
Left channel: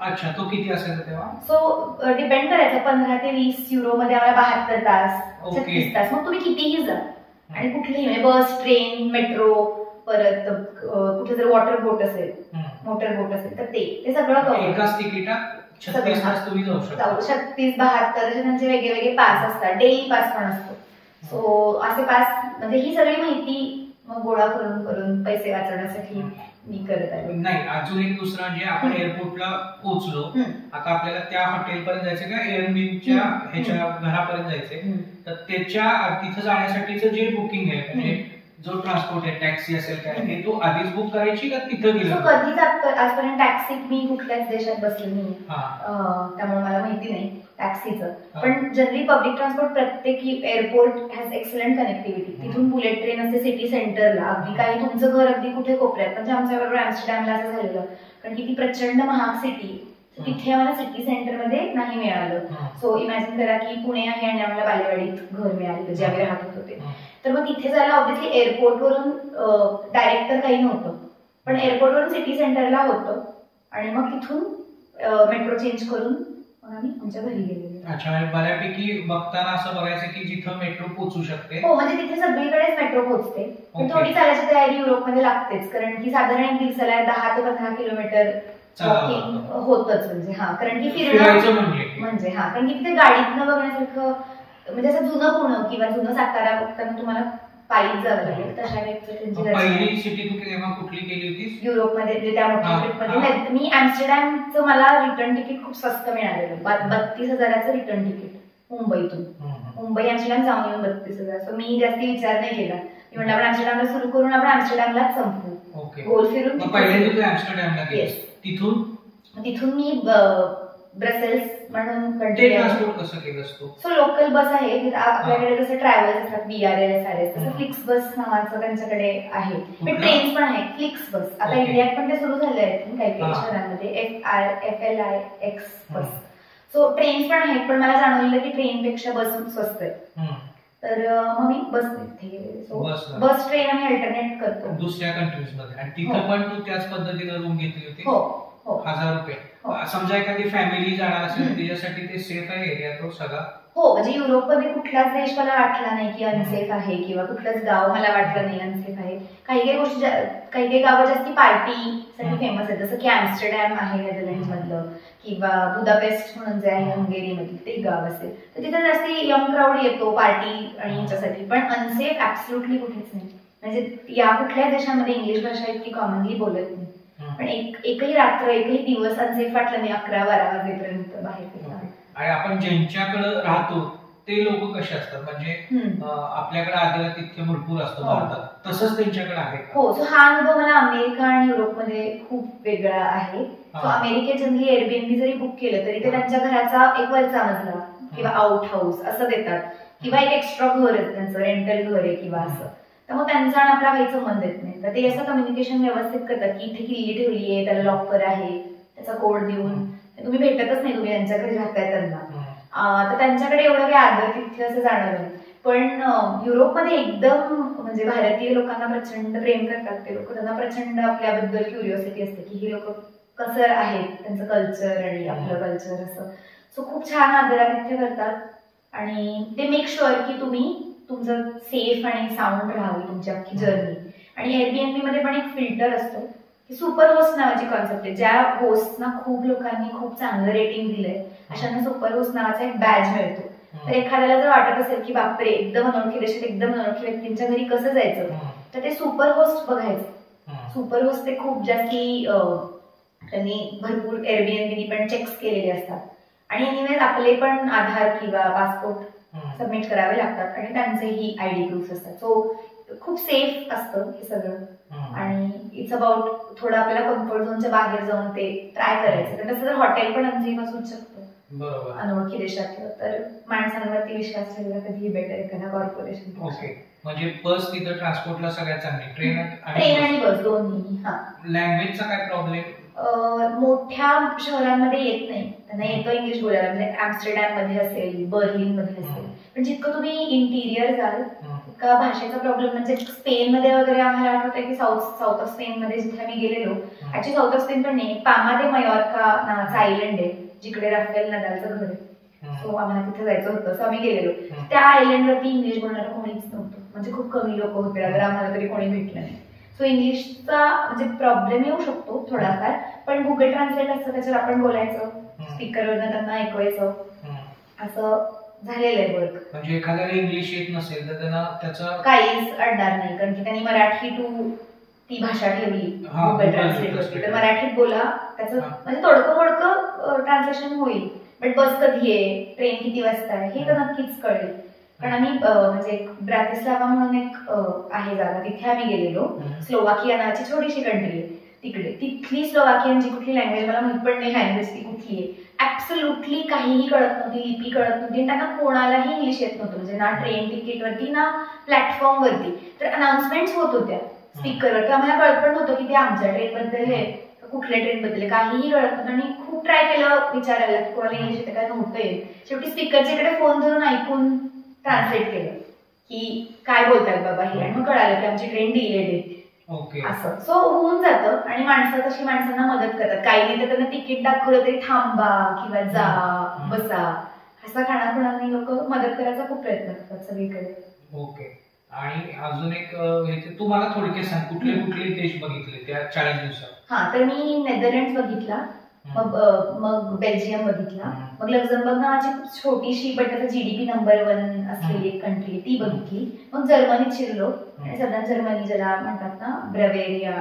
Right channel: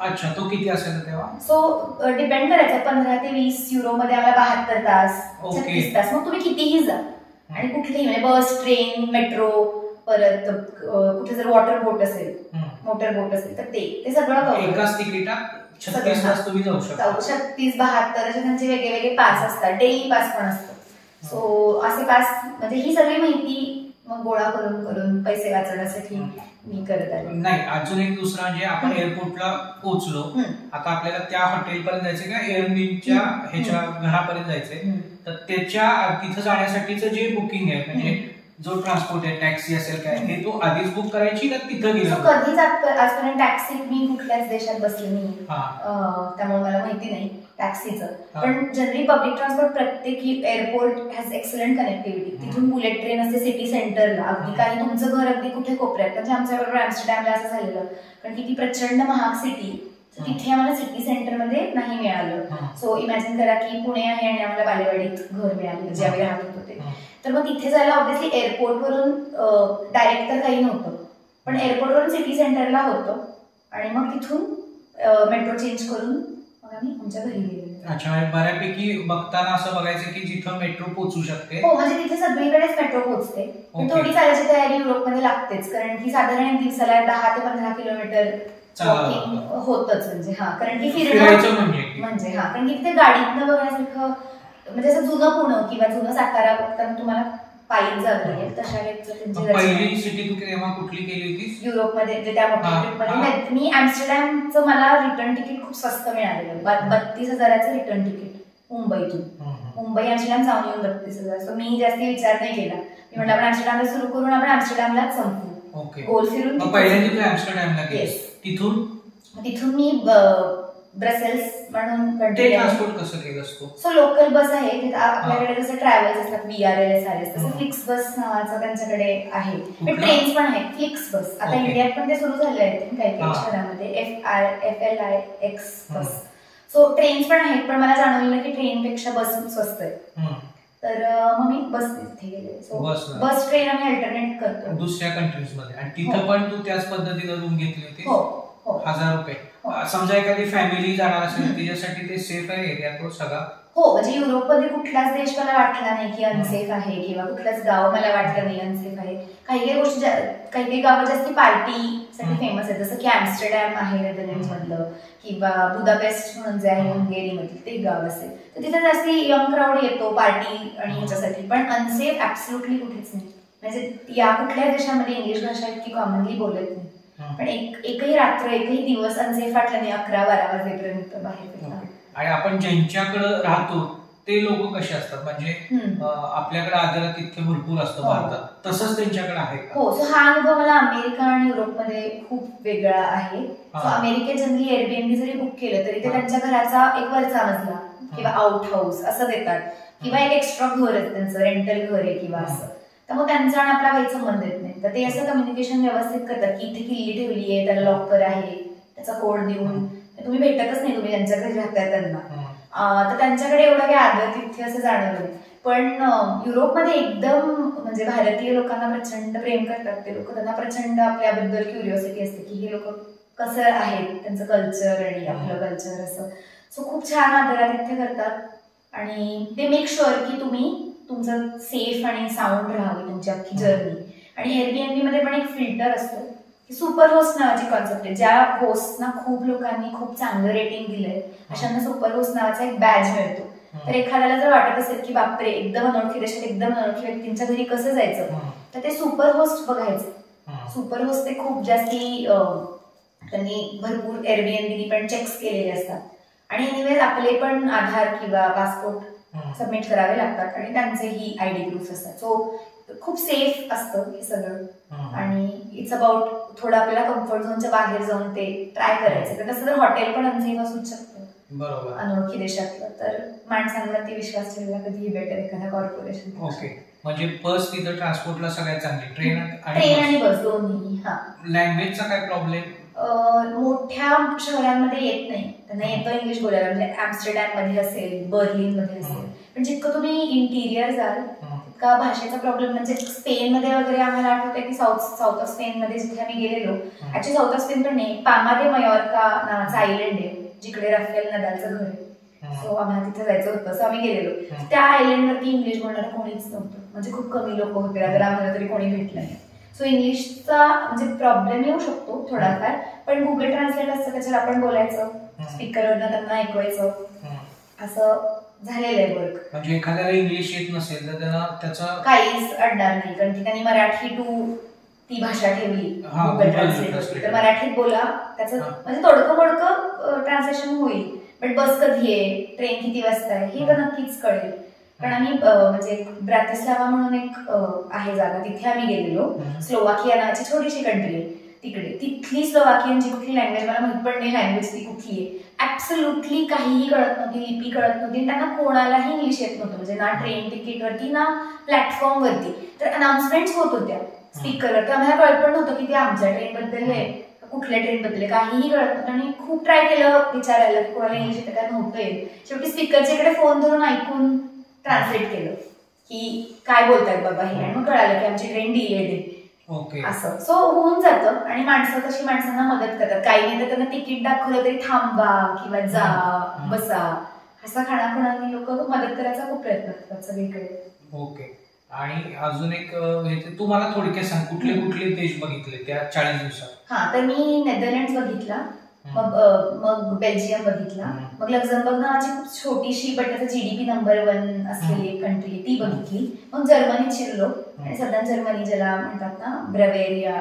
अच्छा, तो किती असायचा तेव्हा? सो डिपेंड करायचं, 15 ते 20 युरो मध्ये आम्हाला 72 तास 36 तास. मग तुम्ही कितीही जा आणि कुठलीही म्हणजे बस, ट्रेन, मेट्रो, परत कुठे जर वॉटर बोट असेल, मोटर बोट असेल तर ते सगळं करू. एकाच तिकिटात 36 तास तुम्ही जाऊ शकता. 36, 72 असे त्यांचे वेगळे पास असतात. डेली पास पण असतो. सो असे पास म्हणजे ही सगळी माहिती मग गोळा करून पैसे वाचवण्यासाठी मी करत आहे. नाही, अजून एक दुसरा म्हणजे आपण एअरपोर्टला पोहोचलो, आता आपल्याला त्या हॉटेलपर्यंत जायचं किंवा एअरबीच्या ह्याच्या घरापर्यंत जायचंय, तर त्याच्या तिथं जाण्यासाठीचं जे बुकिंग आहे म्हणजे जो ट्रान्सपोर्ट आहे, टॅक्सी असेल काय, हे तू आधीच बुक करायची का तिथं गेलं? कधीच आजपर्यंत टॅक्सी मी कुठल्याच देशात बसले नाही, त्यामुळे मला माहिती नाही टॅक्सीचं. पण जनरली पब्लिक ट्रान्सपोर्ट प्रत्येक एअरपोर्ट हॅज एक्सलंट कनेक्टिव्हिटी. तिथून बुलेट ट्रेन असते सिटी सेंटरला, अगदी काही तुमचं घर अगदी कुठे कोपऱ्यात. म्हणजे आमच्याबरोबर ॲम्स्टरडॅमला असं झालेलं, कारण की ती प्रचंड महाग सिटी, तिथे आम्हाला सिटी सेंटरमध्ये नाही मिळालं. सो इमॅजिन करा की पुणे आहे आणि आम्हाला बालेवाडीत घर मिळालं जे आम्ही राहत होते. तर मग तिथे जायला ऑब्व्हियसली एअरपोर्टवरून डायरेक्ट तर काही नव्हतं, पण एअरपोर्टवरून सिटी सेंटरला होतं आणि मग तिथून मेट्रो चेंज करून मग आम्ही आमच्या घरी गेलो. अच्छा, बऱ्यापैकी बघताना असं बघायचं की जिथं मेट्रो पोहोचू शकते. हो, म्हणजे तिथे सगळीकडेच मेट्रो पोहोचते. पण थोडी चालायची तयारी युरोपमध्ये लागतेच, कारण की साधारण दिवसाला 10 ते 15 किलोमीटर वॉकिंग होतच. म्हणजे कारण की फिरणं म्हणजे कारण की तिथे गाडीतनं बघण्यासारखं म्हणजे असं जुनं पुणे किंवा जुनं सातारा बघताना तुम्हाला पायी जावं लागेल. तशा पहिली सिटी तू तेव्हा कुठली गेली होतीस युरोपमध्ये? जे त्या मोठ्या ट्रिपमध्ये मी ॲम्स्टरडॅमचं मला रिटर्न तिकीट खूप स्वस्त मिळालेलं, 32,000चं रिटर्न तिकीट मुंबईतून. मुंबई ॲम्स्टरडॅम जाऊन येऊन 32,000. सो मी जास्ती विचार नाही केला. मी म्हटलं आपण ॲम्स्टरडॅमला सुरू करून आपण ॲम्स्टरडॅमलाच संपू, गोल फिरून. ॲम्स्टरडॅमला तिथून मी ब्रसेल्स म्हणून ट्रान्सपोर्ट कसं केलं असतो? सो लोकल बस आहे आपल्याकडे, जसं ट्रॅव्हल्स असतात BRL, SRS, तसं फ्लिक्स बस नावाचं त्यांच्याकडे आहे. पण ट्रेन्स पण आहेत फ्लिक्स बस. आता इंडियात पण ते सुरू झाले आहेत काही काही शहरांमध्ये, FLIX बस. सो ट्रेन्स पण आहेत, पण मला जाणवलेलं की ट्रेनपेक्षा बस स्वस्त आहे. तर मग मी बस तिथे गेले. सो बस ट्रेन आम्ही अल्टरनेट करतो दुसऱ्या कंट्रीज मध्ये. आणि तिथं पण तू त्याच पद्धतीनं रूम घेतली होती? हो, 1000 रुपये. समजा एखादी फॅमिली जाणार असेल त्याच्यासाठी ते सेफ आहे एरिया तो सगळा? हो, म्हणजे युरोपमध्ये कुठलाच देश मला वाटला नाही की अनसेफ आहे किंवा कुठलंच गाव मला वाटलं नाही अनसेफ आहे. काही काही गोष्टी, काही काही गावं जास्ती पार्टीसाठी फेमस आहेत, जसं की ॲम्स्टरडॅम आहे नेदरलँड्स मधलं, किंवा बुदापेस्ट म्हणून जे आहे हंगेरीमधलं ते गाव असेल, तर तिथे जास्ती यंग क्राऊड येतो पार्टी आणि ह्याच्यासाठी. पण अनसेफ ऍब्सोल्युटली कुठेच नाही. म्हणजे या कुठल्याच देशामध्ये इंग्लिश भाषा इतकी कॉमनली बोलत नाही, पण एकही रात्र, एकही दिवस अनसेफ वाटलं नाही 11-12 वाजेपर्यंत बाहेर फिरताना. आणि आपण ज्यांच्याकडे राहतो ते लोक कसे असतात? म्हणजे आपल्याकडे आदरात इतके भरपूर असतं भारतात, तसंच त्यांच्याकडे आहे? हो, सो हा अनुभव मला अमेरिका आणि युरोपमध्ये खूप वेगळा आहे. सो अमेरिकेत जनरली एअरबीएनबी जरी बुक केलं तरी ते त्यांच्या घराचा एक वरचा मजला किंवा आउट हाऊस असं देतात, किंवा एक एक्स्ट्रा घर आहे त्यांचं, रेंटल घर आहे किंवा असं. त्यामुळे त्यांचा आणि आपला काही संबंध येत नाही. तर ते असं कम्युनिकेशन व्यवस्थित करतात की इथे किल्ली ठेवली आहे, त्याला लॉकर आहे, त्याचा कोड देऊन तुम्ही भेटतच नाही, तुम्ही त्यांच्या घरी राहताय त्यांना. तर त्यांच्याकडे एवढं काही आदर तिथे असं जाणवलं नाही. पण युरोपमध्ये एकदम म्हणजे भारतीय लोकांना प्रचंड प्रेम करतात ते लोक. त्यांना प्रचंड आपल्याबद्दल क्युरिओसिटी असते की हे लोक कसं आहेत, त्यांचं कल्चर आणि आपलं कल्चर असं. सो खूप छान आदरातिथ्य करतात आणि ते मेक शुअर की तुम्ही तुमचं सेफ आणि साऊंड राहावी तुमची अख्खी जर्नी. आणि एअरबीएनबी मध्ये पण एक फिल्टर असतो सुपर होस्ट नावाची कॉन्सेप्ट आहे. ज्या होस्टना खूप लोकांनी खूप चांगलं रेटिंग दिलंय अशांना सुपर होस्ट नावाचा एक बॅज मिळतो. तर एखाद्याला जर वाटत असेल की बापरे एकदम अनोळखी देशात एकदम अनोळखी व्यक्तींच्या घरी कसं जायचं, तर ते सुपर होस्ट बघायचं. सुपर होस्ट ते खूप जास्ती त्यांनी भरपूर एअरबीएनबी पण चेक्स केलेले असतात आणि एनिवेज आपले पण आधार किंवा पासपोर्ट सबमिट करावे लागतात आणि त्यांचेही आयडी प्रूफ असतात. सो खूप सेफ असतं हे सगळं आणि इट्स अबाउट थोडं आपल्याला कम्फर्ट झोनच्या बाहेर जाऊन ते ट्राय करायचं. तर तसं तर हॉटेल पण अनसेफ असूच शकतं अनोळखी देशातलं, तर माणसांवरती विश्वास ठेवला कधीही बेटर एखाद्या कॉर्पोरेशन. ओके, म्हणजे बस तिथं ट्रान्सपोर्टला सगळ्यात चांगली, ट्रेन आणि बस दोन्ही. हा, लँग्वेजचा काय प्रॉब्लेम? मोठ्या शहरांमध्ये येत नाही, त्यांना येतं इंग्लिश बोलायला. म्हणजे ऍम्स्टरडॅम मध्ये असेल, बर्लिन मध्ये असेल, पण जितकं तुम्ही इंटिरियर जाल तितका भाषेचा प्रॉब्लेम. म्हणजे स्पेन मध्ये वगैरे आम्हाला आठवतंय की साऊथ ऑफ स्पेन मध्ये जिथे आम्ही गेलेलो, ऍक्च्युली साऊथ ऑफ स्पेन पण नाही, पामा दे मयोर्का नावाचा आयलंड आहे जिकडे राफेल नदालचं घर आहे. सो आम्हाला तिथे जायचं होतं, सो आम्ही गेलेलो. त्या आयलंडवरती इंग्लिश बोलणारं कोणीच नव्हतं, म्हणजे खूप कमी लोक होते, अगर आम्हाला तरी कोणी भेटलं नाही. सो इंग्लिशचा म्हणजे प्रॉब्लेम येऊ शकतो थोडाफार, पण गुगल ट्रान्सलेट असतं त्याच्यावर आपण बोलायचं, स्पीकरवरनं त्यांना ऐकवायचं, असं झालेलं आहे वर्क. म्हणजे एखाद्याला इंग्लिश येत नसेल तर त्यांना त्याचं काहीच अडणार नाही, कारण की त्यांनी मराठी टू ती भाषा ठेवली गुगल ट्रान्सलेटवरती. तर मराठीत बोला, त्याचं म्हणजे तोडकं मोडकं ट्रान्सलेशन होईल, बट बस कधी आहे, ट्रेन किती वाजता आहे हे तर नक्कीच कळेल. कारण आम्ही म्हणजे ब्रातिस्लावा म्हणून एक आहे जागा, तिथे आम्ही गेलेलो. स्लोवाकिया नावाची छोटीशी कंट्री आहे तिकडे. तिथली स्लोवाकियनची कुठली लँग्वेज मला माहित पण नाही, लँग्वेज ती कुठली आहे ऍब्सोल्युटली काहीही कळत नव्हती, लिपी कळत नव्हती, त्यांना कोणालाही इंग्लिश येत नव्हतं. म्हणजे ना ट्रेन तिकीटवरती ना प्लॅटफॉर्मवरती. तर अनाउन्समेंट्स होत होत्या स्पीकरवर, तर आम्हाला कळत पण नव्हतं की ते आमच्या ट्रेन बद्दल आहे, कुठल्या ट्रेन बद्दल, काहीही कळत नव्हतं. आणि खूप ट्राय केलं विचारायला की कोणाला इंग्लिश येतं काय, नव्हतं येत. शेवटी स्पीकरच्या इकडे फोन धरून ऐकून ट्रान्सलेट केलं की काय बोलतात बाबा हे, आणि मग कळालं की आमची ट्रेन डिलेड आहे असं. सो होऊन जातं. आणि माणसं तशी माणसांना मदत करतात, काही नाही तर त्यांना तिकीट दाखवलं तरी थांबा किंवा जा बसा, असा खाणाखुणांनी लोक मदत करायचा खूप प्रयत्न करतात सगळीकडे. ओके, आणि अजून एक तुम्हाला थोडक्यात सांग, कुठले कुठले देश बघितले त्या 40 दिवसात? हा, तर मी नेदरलँड बघितला, मग बेल्जियम बघितला, मग लक्झमबर्ग नावाची खूप छोटीशी बट त्याचा GDP नंबर 1 असलेली एक कंट्री आहे ती बघितली. मग जर्मनीत शिरलो आणि सदन जर्मनी ज्याला म्हणतात ना, ब्रवेरिया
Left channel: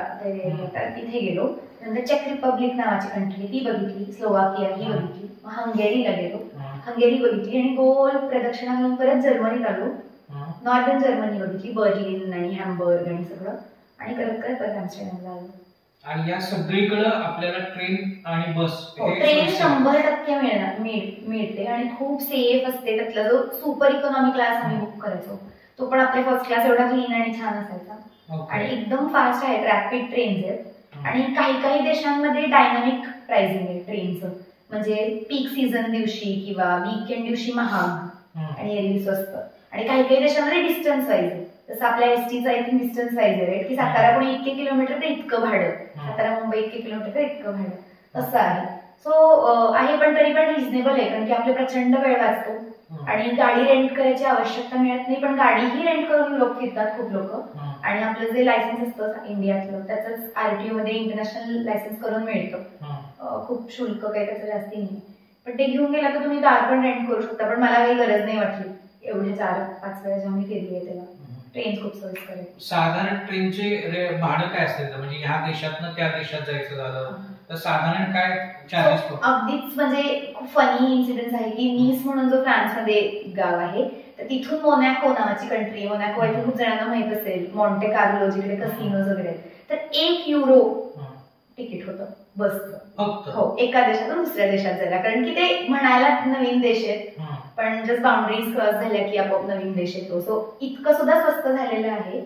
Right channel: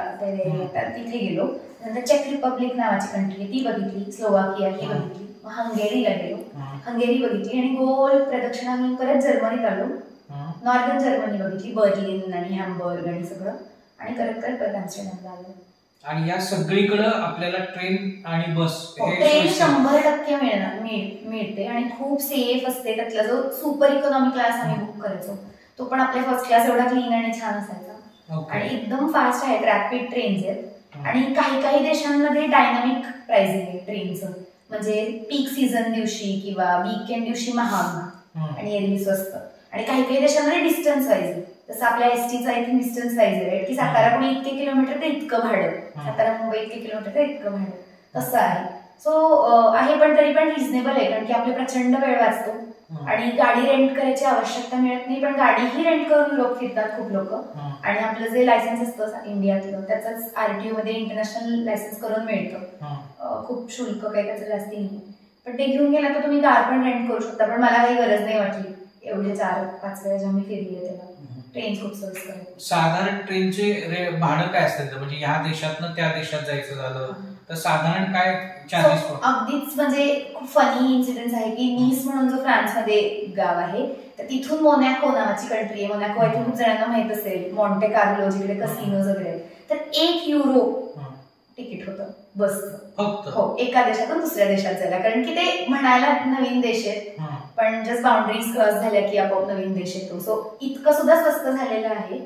तिथे गेलो. नंतर चेक रिपब्लिक नावाची कंट्री आहे ती बघितली, स्लोवाकिया ही बघितली, मग हंगेरीला गेलो, हंगेरी बघितली आणि गोल प्रदक्षिणा घेऊन परत जर्मनीत आलो. नॉर्दर्न जर्मनी बघितली, बर्लिन आणि हॅम्बर्ग आणि सगळं, आणि करत परत ॲम्स्टरडॅमला आलो. आणि या सगळीकडे आपल्याला ट्रेन आणि बस, ट्रेन 100% मिळते आणि खूप सेफ असते. त्यातला जो सुपर इकॉनॉमी क्लास आम्ही बुक करायचो तो पण आपल्या फर्स्ट क्लास एवढा क्लीन आणि छान असायचा, आणि एकदम फास्ट आहेत, रॅपिड ट्रेन्स आहेत. आणि काही काही देशांमध्ये डायनामिक प्राइसिंग आहे ट्रेनचं, म्हणजे पीक सीझन दिवशी किंवा वीकेंड दिवशी महाग आणि एरवी स्वस्त. आणि काही काही देशांमध्ये डिस्टन्स वाईज आहे, जसं आपल्या एसटीचं आय थिंक डिस्टन्स वाईज आहे की सातारा पुणे इतके किलोमीटर तर इतकं भाडं, सातारा मुंबई इतके किलोमीटर तर इतकं भाडं, तसं आहे. सो आहे, पण तरी पण रिझनेबल आहे, कारण की आपले प्रचंड वेळ वाचतो आणि गाडी रेंट करायची आवश्यकता मिळत नाही. पण गाडीही रेंट करून युरोप फिरतात खूप लोक, आणि आपलं जे लायसन्स असतं इंडियातलं त्याच RTO मध्ये इंटरनॅशनल लायसन्स करून मिळतं. खूप शुल्क काही त्याचं जास्ती नाही, पण ते घेऊन गेला तर तुम्ही कार पण रेंट करू शकता. पण मला काही गरज नाही वाटली, एवढे 4-5 वेळा जेव्हा मी फिरली आहे तेव्हा ट्रेन खूप सोयीस्कर आहे. साधारण ट्रेनचे भाडं काय असेल, म्हणजे ह्या देशातनं त्या देशात जायचं झालं तर साधारण काय चार्जेस? अगदीच म्हणजे खूप फनी इन्सिडेंट आहे की नीस म्हणून जो फ्रान्समध्ये गाव आहे, तर तिथून मोनॅको नावाची कंट्री आहे. मोनॅको आहे खूप जणांना माहित असेल, मॉन्टे कार्लो जिकडे कसिनोज वगैरे, तर €1 तिकीट होतं बसचं. हो, एका देशातून दुसऱ्या देशात जायला, कारण की ते म्हणायला नवीन देश आहेत, पण जस्ट बाउंड्रीज क्रॉस झाल्या की आपोआप नवीन देश येतो. सो इतकं सुद्धा स्वस्त झालेलं आहे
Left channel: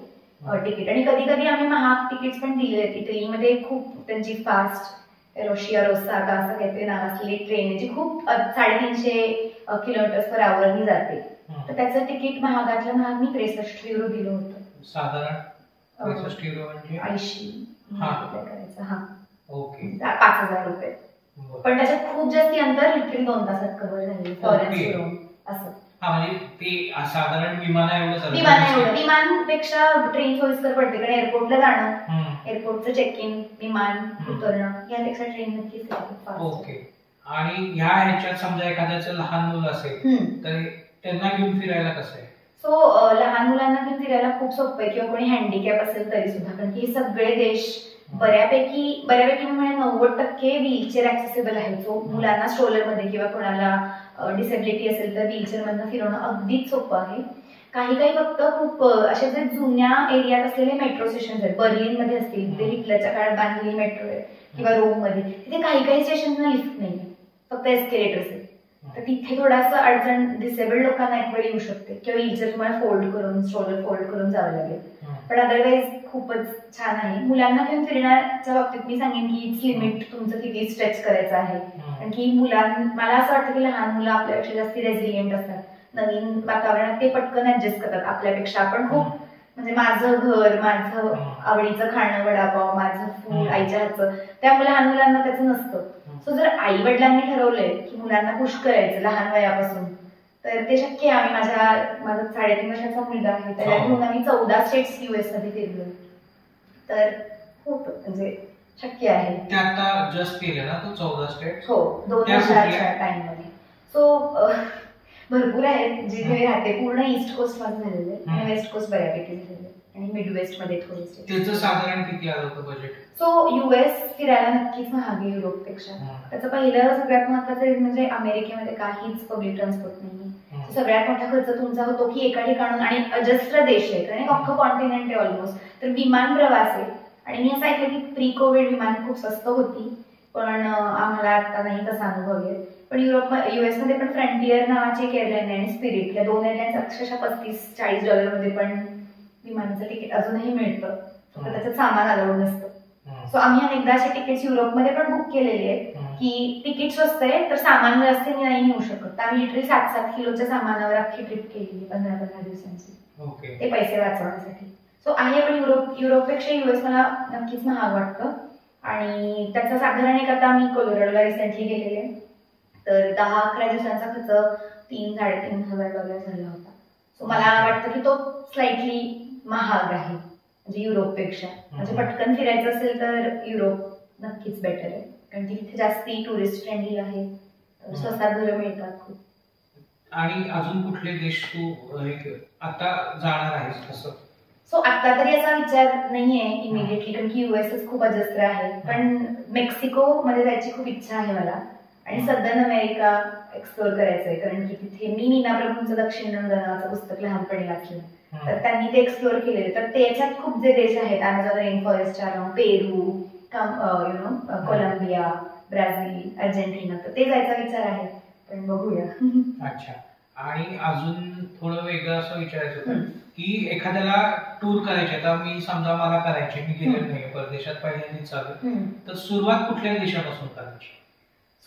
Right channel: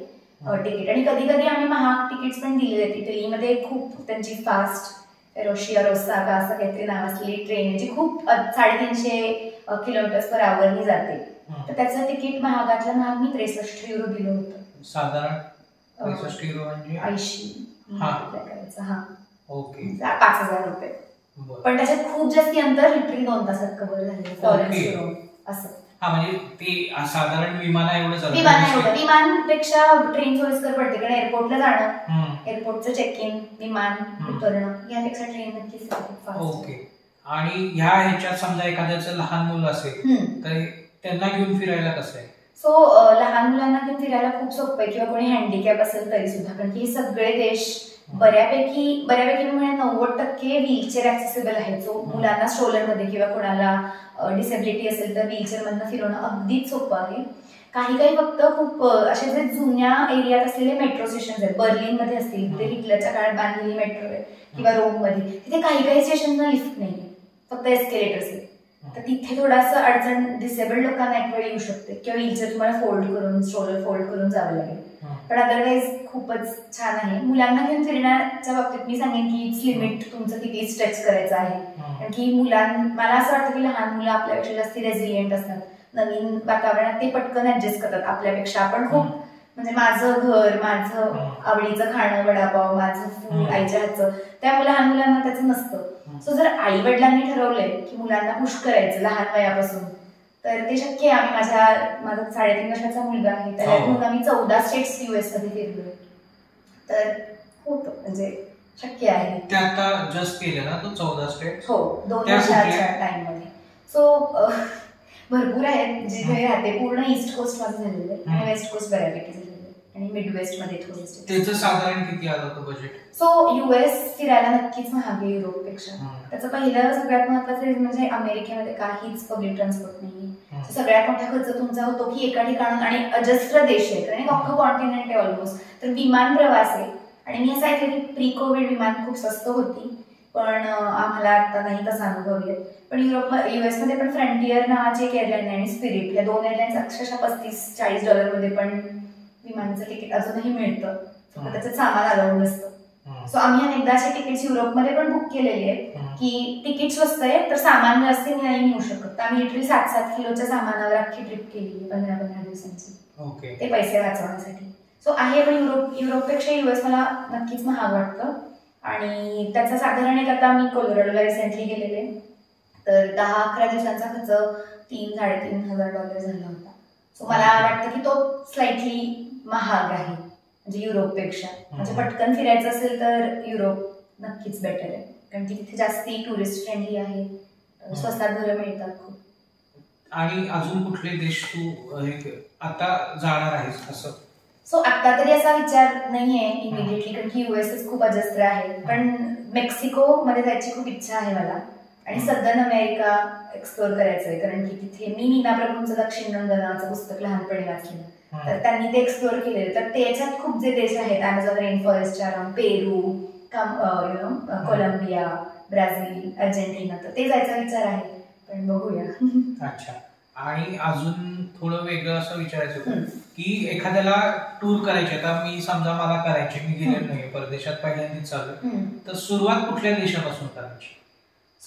तिकीट. आणि कधी कधी आम्ही महाग तिकीट्स पण दिलेले आहेत. इटलीमध्ये खूप त्यांची फास्ट रोशिया रोसागा असं काहीतरी नाव असलेली ट्रेन आहे जी खूप 350 km/h ही जाते, तर त्याचं तिकीट महागातलं महाग मी €63 दिलं होतं. साधारण €63 म्हणजे 80 करायचं. हा, ओके, ₹5000. पण त्याच्यात खूप जास्ती अंतर लिटरली 2 तासात कव्हर झाले फ्लॉरेन्सवरून असं. हा, म्हणजे ते साधारण विमानापेक्षा ट्रेन सोयीस्कर पडते, कारण एअरपोर्टला जाणं एअरपोर्टचं चेक इन, विमान उतरणं यापेक्षा ट्रेन नक्कीच फास्ट. ओके. आणि ह्याच्यात समजा एखाद्याचं लहान मुलं असेल तर त्यांना घेऊन फिरायला कसं आहे? सो लहान मुलांना घेऊन फिरायला खूप सोपं आहे, किंवा कोणी हँडिकॅप असेल तरी सुद्धा, कारण की हे सगळे देश बऱ्यापैकी म्हणजे 90% व्हीलचेअर ऍक्सेसिबल आहे. जो मुलांना स्ट्रोलरमध्ये किंवा कोणाला डिसेबिलिटी असेल तर व्हीलचेअर मधनं फिरवणं अगदीच सोपं आहे. काही फक्त खूप अशा जे जुन्या एरियात असलेले मेट्रो स्टेशन आहेत, बर्लिनमध्ये असतील, ते हिटलरच्या काळात बांधलेली मेट्रो आहे, किंवा रोममध्ये, तिथे काही स्टेशनला लिफ्ट नाही, फक्त एस्केलेटर्स आहेत. तर तिथे थोडासा अडचण डिसेबल्ड लोकांना एक वेळ येऊ शकते, किंवा व्हीलचेअर तुम्हाला फोल्ड करून, स्ट्रोलर फोल्ड करून जावं लागेल. पण अदरवाईज खूपच छान आहे. मुलांना घेऊन फिरण्याच्या बाबतीत मी सांगेन की इट्स लिमिट तुमचं किती स्ट्रेच करायचं आहे. कारण की मला असं वाटतं की लहान मुलं आपल्यापेक्षा जास्त रेझिलियंट असतात. नवीन वातावरणात ते पटकन ऍडजस्ट करतात आपल्यापेक्षा. आपण खूप म्हणजे माझं घर, माझं आवडीचं खाणं, वडापाव, माझं फूड, आईच्या हातचं, त्यामुळे लहान मुलांना त्याचं नसतं. सो जर आई वडिलांनी ठरवलंय की मुलांना पुश करायचं लहान वयापासून, तर ते शक्य आहे. माझा 3.5 वर्षाचा मुलगा आहे, त्याला घेऊन आम्ही 14 स्टेट्स US मध्ये फिरलोय. तर होतं म्हणजे शक्य आहे. ते आता जस्ट केलं ना तो 14 स्टेट? हो, 2 वर्षाच्या टाइम मध्ये. सो भरपूर आहेत जिथे राहते. पूर्ण ईस्ट कोस्ट मध्ये झालेलं आहे आणि वेस्ट कोस्ट बऱ्यापैकी झालेलं आहे, आणि मिडवेस्ट मध्ये थोडे. त्याचं साधारण किती आलं होतं बजेट? सो US फिरायला नक्कीच महाग आहे युरोपपेक्षा. त्याचं पहिलं सगळ्यात महत्वाचं म्हणजे अमेरिकेमध्ये काहीच पब्लिक ट्रान्सपोर्ट नाही. सगळ्यात मोठा खर्च तुमचा होतो की एका ठिकाणून, आणि अजस्त्र देश आहे कारण अख्खं कॉन्टिनेंट आहे ऑलमोस्ट, तर विमान प्रवास आहे. आणि मी असं ऐकलं की प्री कोविड विमान खूप स्वस्त होती, पण आम्हाला आता नाही तसा अनुभव येत. पण US मध्ये पण फ्रंटियर नावाची एक एअरलाईन आहे आणि स्पिरिट, या 2 एअरलाईन्स अक्षरशः $35-40 मध्ये पण विमानाचं तिकीट अजूनही मिळतं. त्याचं सामान अलाउड नसतं. सो आम्ही अनेकदा असे तिकीट्स युरोपमध्ये पण बुक केलेले आहेत की तिकीट स्वस्त आहे तर सामान जास्त नाही नेऊ शकत. आम्ही लिटरली 7-7 किलोच्या सामानावर अख्खी ट्रिप केली 15-15 दिवसांची, ते पैसे वाचवण्यासाठी. सो आहे, पण युरोपपेक्षा US मला नक्कीच महाग वाटतं. आणि त्याचा साधारण एक, आता मी कोलोराडोला रिसेंटली गेलेले, तर 10-11 दिवसांचा खर्च $3,000-3,500 झाला होता. सो मला वाटतं की तो स्लाइटली महाग आहे म्हणजे युरोपपेक्षा. म्हणजे पटकन फिरायचं असेल तर युरोप नक्कीच बेटर आहे, कारण की तिथे जास्ती टुरिस्ट फ्रेंडली आहे, स्वस्तात घरं मिळतात खूप. आणि अजून कुठले देश तू आता जाणार आहेस असं? सो आता तरी असा विचार नाहीये इमिडिएटली, कारण की US खूप अजस्त्र आहे. पण मेक्सिको मध्ये जायची खूप इच्छा आहे मला, आणि सदर्न अमेरिका एक्सप्लोर करायचंय, कारण की तिथे मी नीना प्रभूंचं दक्षिण रंग नावाचं पुस्तक लहानपणी वाचलं, तर त्यांनी ते एक्सप्लोर केलेलं. तर त्याच्यात खूप जे देश आहेत, अमेझॉन रेन फॉरेस्टच्या अराउंड, पेरू, कोलंबिया, ब्राझील, अर्जेंटिना, तर ते जायचा विचार आहे, पण बघूया. अच्छा. आणि अजून थोडं वेगळं असं विचारायचं होतं की एखाद्याला टूर करायची, आता मी समजा मला करायची, मी गेलेलो नाहीये परदेशात, पहिल्यांदाच चालू, तर सुरुवात कुठल्या देशापासून करायची?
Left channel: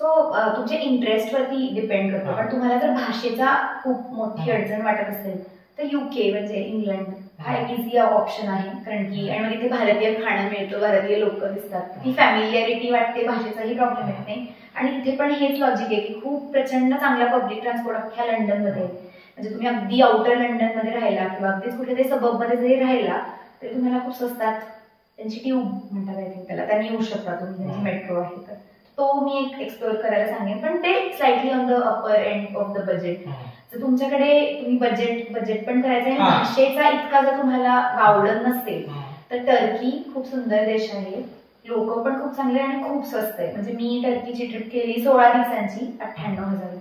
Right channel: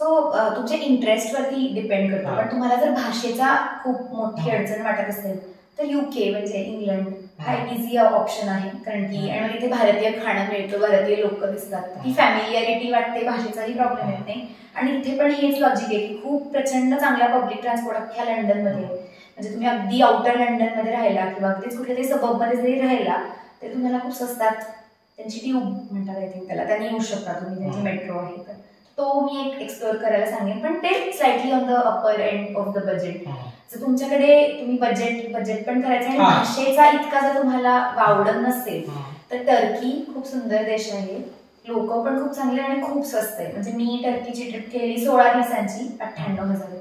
सो तुमच्या इंटरेस्ट वरती डिपेंड करतो. पण तुम्हाला जर भाषेचा खूप मोठी अडचण वाटत असेल तर UK म्हणजे इंग्लंड हा एक इझी ऑप्शन आहे, कारण की आणि मग तिथे भारतीय खाणं मिळतं, भारतीय लोक दिसतात, ती फॅमिलियारिटी वाटते, भाषेचाही प्रॉब्लेम येत नाही. आणि तिथे पण हेच लॉजिक आहे की खूप प्रचंड चांगला पब्लिक ट्रान्सपोर्ट अख्ख्या लंडनमध्ये. म्हणजे तुम्ही अगदी आउटर लंडनमध्ये राहिला किंवा अगदीच कुठे तरी सबबमध्ये जरी राहिला तरी तुम्हाला खूप स्वस्तात त्यांची ट्यूब म्हणतात, आय थिंक त्याला, त्यांनी येऊ शकता तुम्ही, त्यांची मेट्रो आहे, तर तो मी एक एक्सप्लोर करायला सांगेन. पण ते slightly on the upper end of the budget. जर तुमच्याकडे तुम्ही बजेट पण करायचं आणि भाषेचा इतका जर तुम्हाला वावडत नसेल तर टर्की खूप सुंदर देश आहे, लोक पण खूप चांगले आणि खूप स्वस्त आहे. म्हणजे मी टर्कीची ट्रिप केलेली 16 दिवसांची 98,000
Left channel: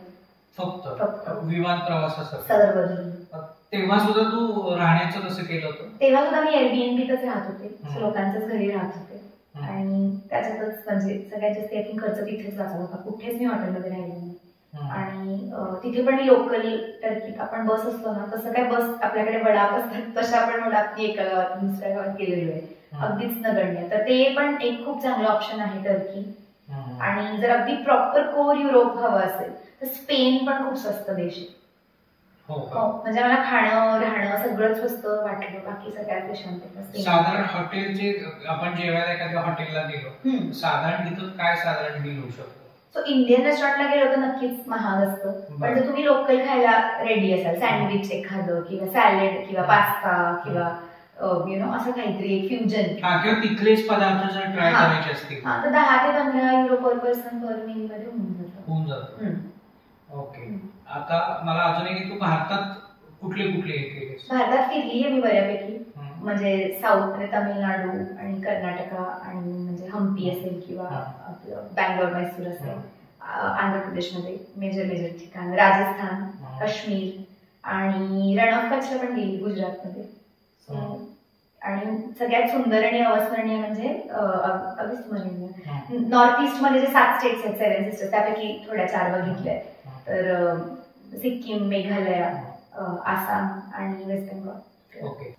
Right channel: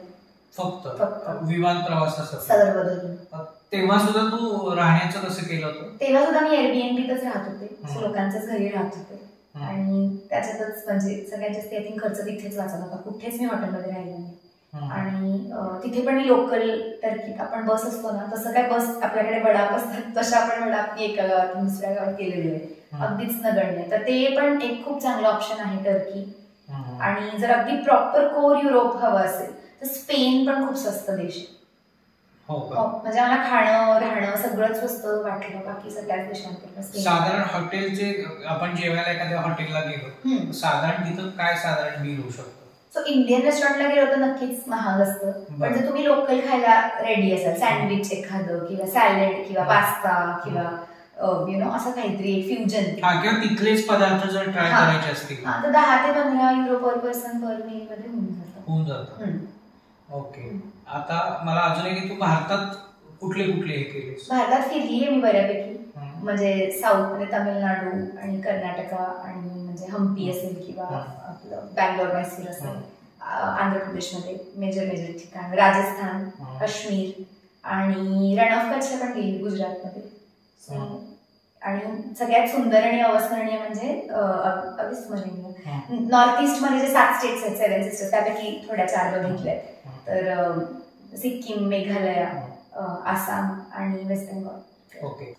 फक्त विमान प्रवासासाठी. सर्व धरून. तेव्हा सुद्धा तू राहण्याचं कसं केलं होतं? तेव्हा सुद्धा मी Airbnbतच राहत होते, लोकांच्याच घरी राहत होते, आणि त्याच्यातच म्हणजे सगळ्यात जास्त आय थिंक खर्च तिथेच वाचला होता. कुठेच मी हॉटेलमध्ये राहिले नाही. आणि तिथे पण मी लोकल टर्कीत आपण बस असतो ना, तसं काय बस आपल्याकडे वडाप असतात तशा आपण वडाप एका गावातून दुसऱ्या गावात गेलेलो आहे, अगदीच नगण्य. तर ते पण एक खूप चांगलं ऑप्शन आहे टर्की. आणि जर अगदी प्रॉपर कोर युरोप हवं असेल तर स्पेन पण खूप स्वस्त देश आहे. म्हणजे मला खाणं राहणं सगळंच स्वस्त वाटलं बाकी सगळ्याच देशांपेक्षा. साधारण हॉटेलचे, आपण जेवायला एखाद्या हॉटेलला गेलो, साधारण तिथं काय साधारण बिल होऊ शकतो? सो इंडियन रेस्टॉरंटला गेलो तर नक्कीच महाग असतं, पण जर तुम्ही लोकल खायला रेडी असाल, सँडविच एखादं किंवा सॅलेड किंवा पास्ता किंवा असं काहीतरी एक फ्युजन किंवा तिथलेच पदार्थ जर ट्राय करायचे असतील तर 10 ते 15 युरो पर पर्सन पर मील मध्ये होऊन जातं. ओके. आता मला अजून एक, तू भारतात कुठले कुठले हे केले? भारतात फिरली आहे मी बऱ्यापैकी, म्हणजे साऊथ मध्ये तामिळनाडू आणि कर्नाटका आणि म्हणजे हम्पी असेल किंवा आपलं बँगलोर मैसूर असेल, आंध्र प्रदेशमध्ये मेजर ठिकाण, राजस्थान, काश्मीर आणि रण ऑफ कच्छला पण गेली गुजरातमध्ये. आणि सगळ्यात सुंदर आणि अविस्मरणीय म्हणजे अविस्मरणीय नॉर्थ ईस्ट मध्ये जे 7 स्टेट्स आहेत, 7 सिस्टर्स, त्यापैकी थोड्या 4 बघितल्या आहेत. तर सिक्कीम, मेघालय, आसाम आणि वेस्ट बेंगॉल. ओके.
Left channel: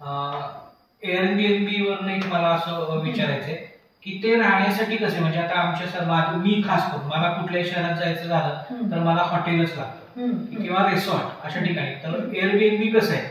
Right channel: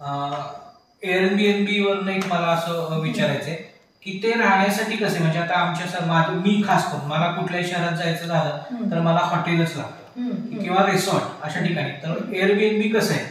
एअरबीएनबी वरून एक मला असं विचारायचंय की ते राहण्यासाठी कसे, म्हणजे आता आमच्या मी खास करून मला कुठल्याही शहरात जायचं झालं तर मला हॉटेलच लागतं किंवा रिसॉर्ट अशा ठिकाणी. तर एअरबीएनबी कसं आहे?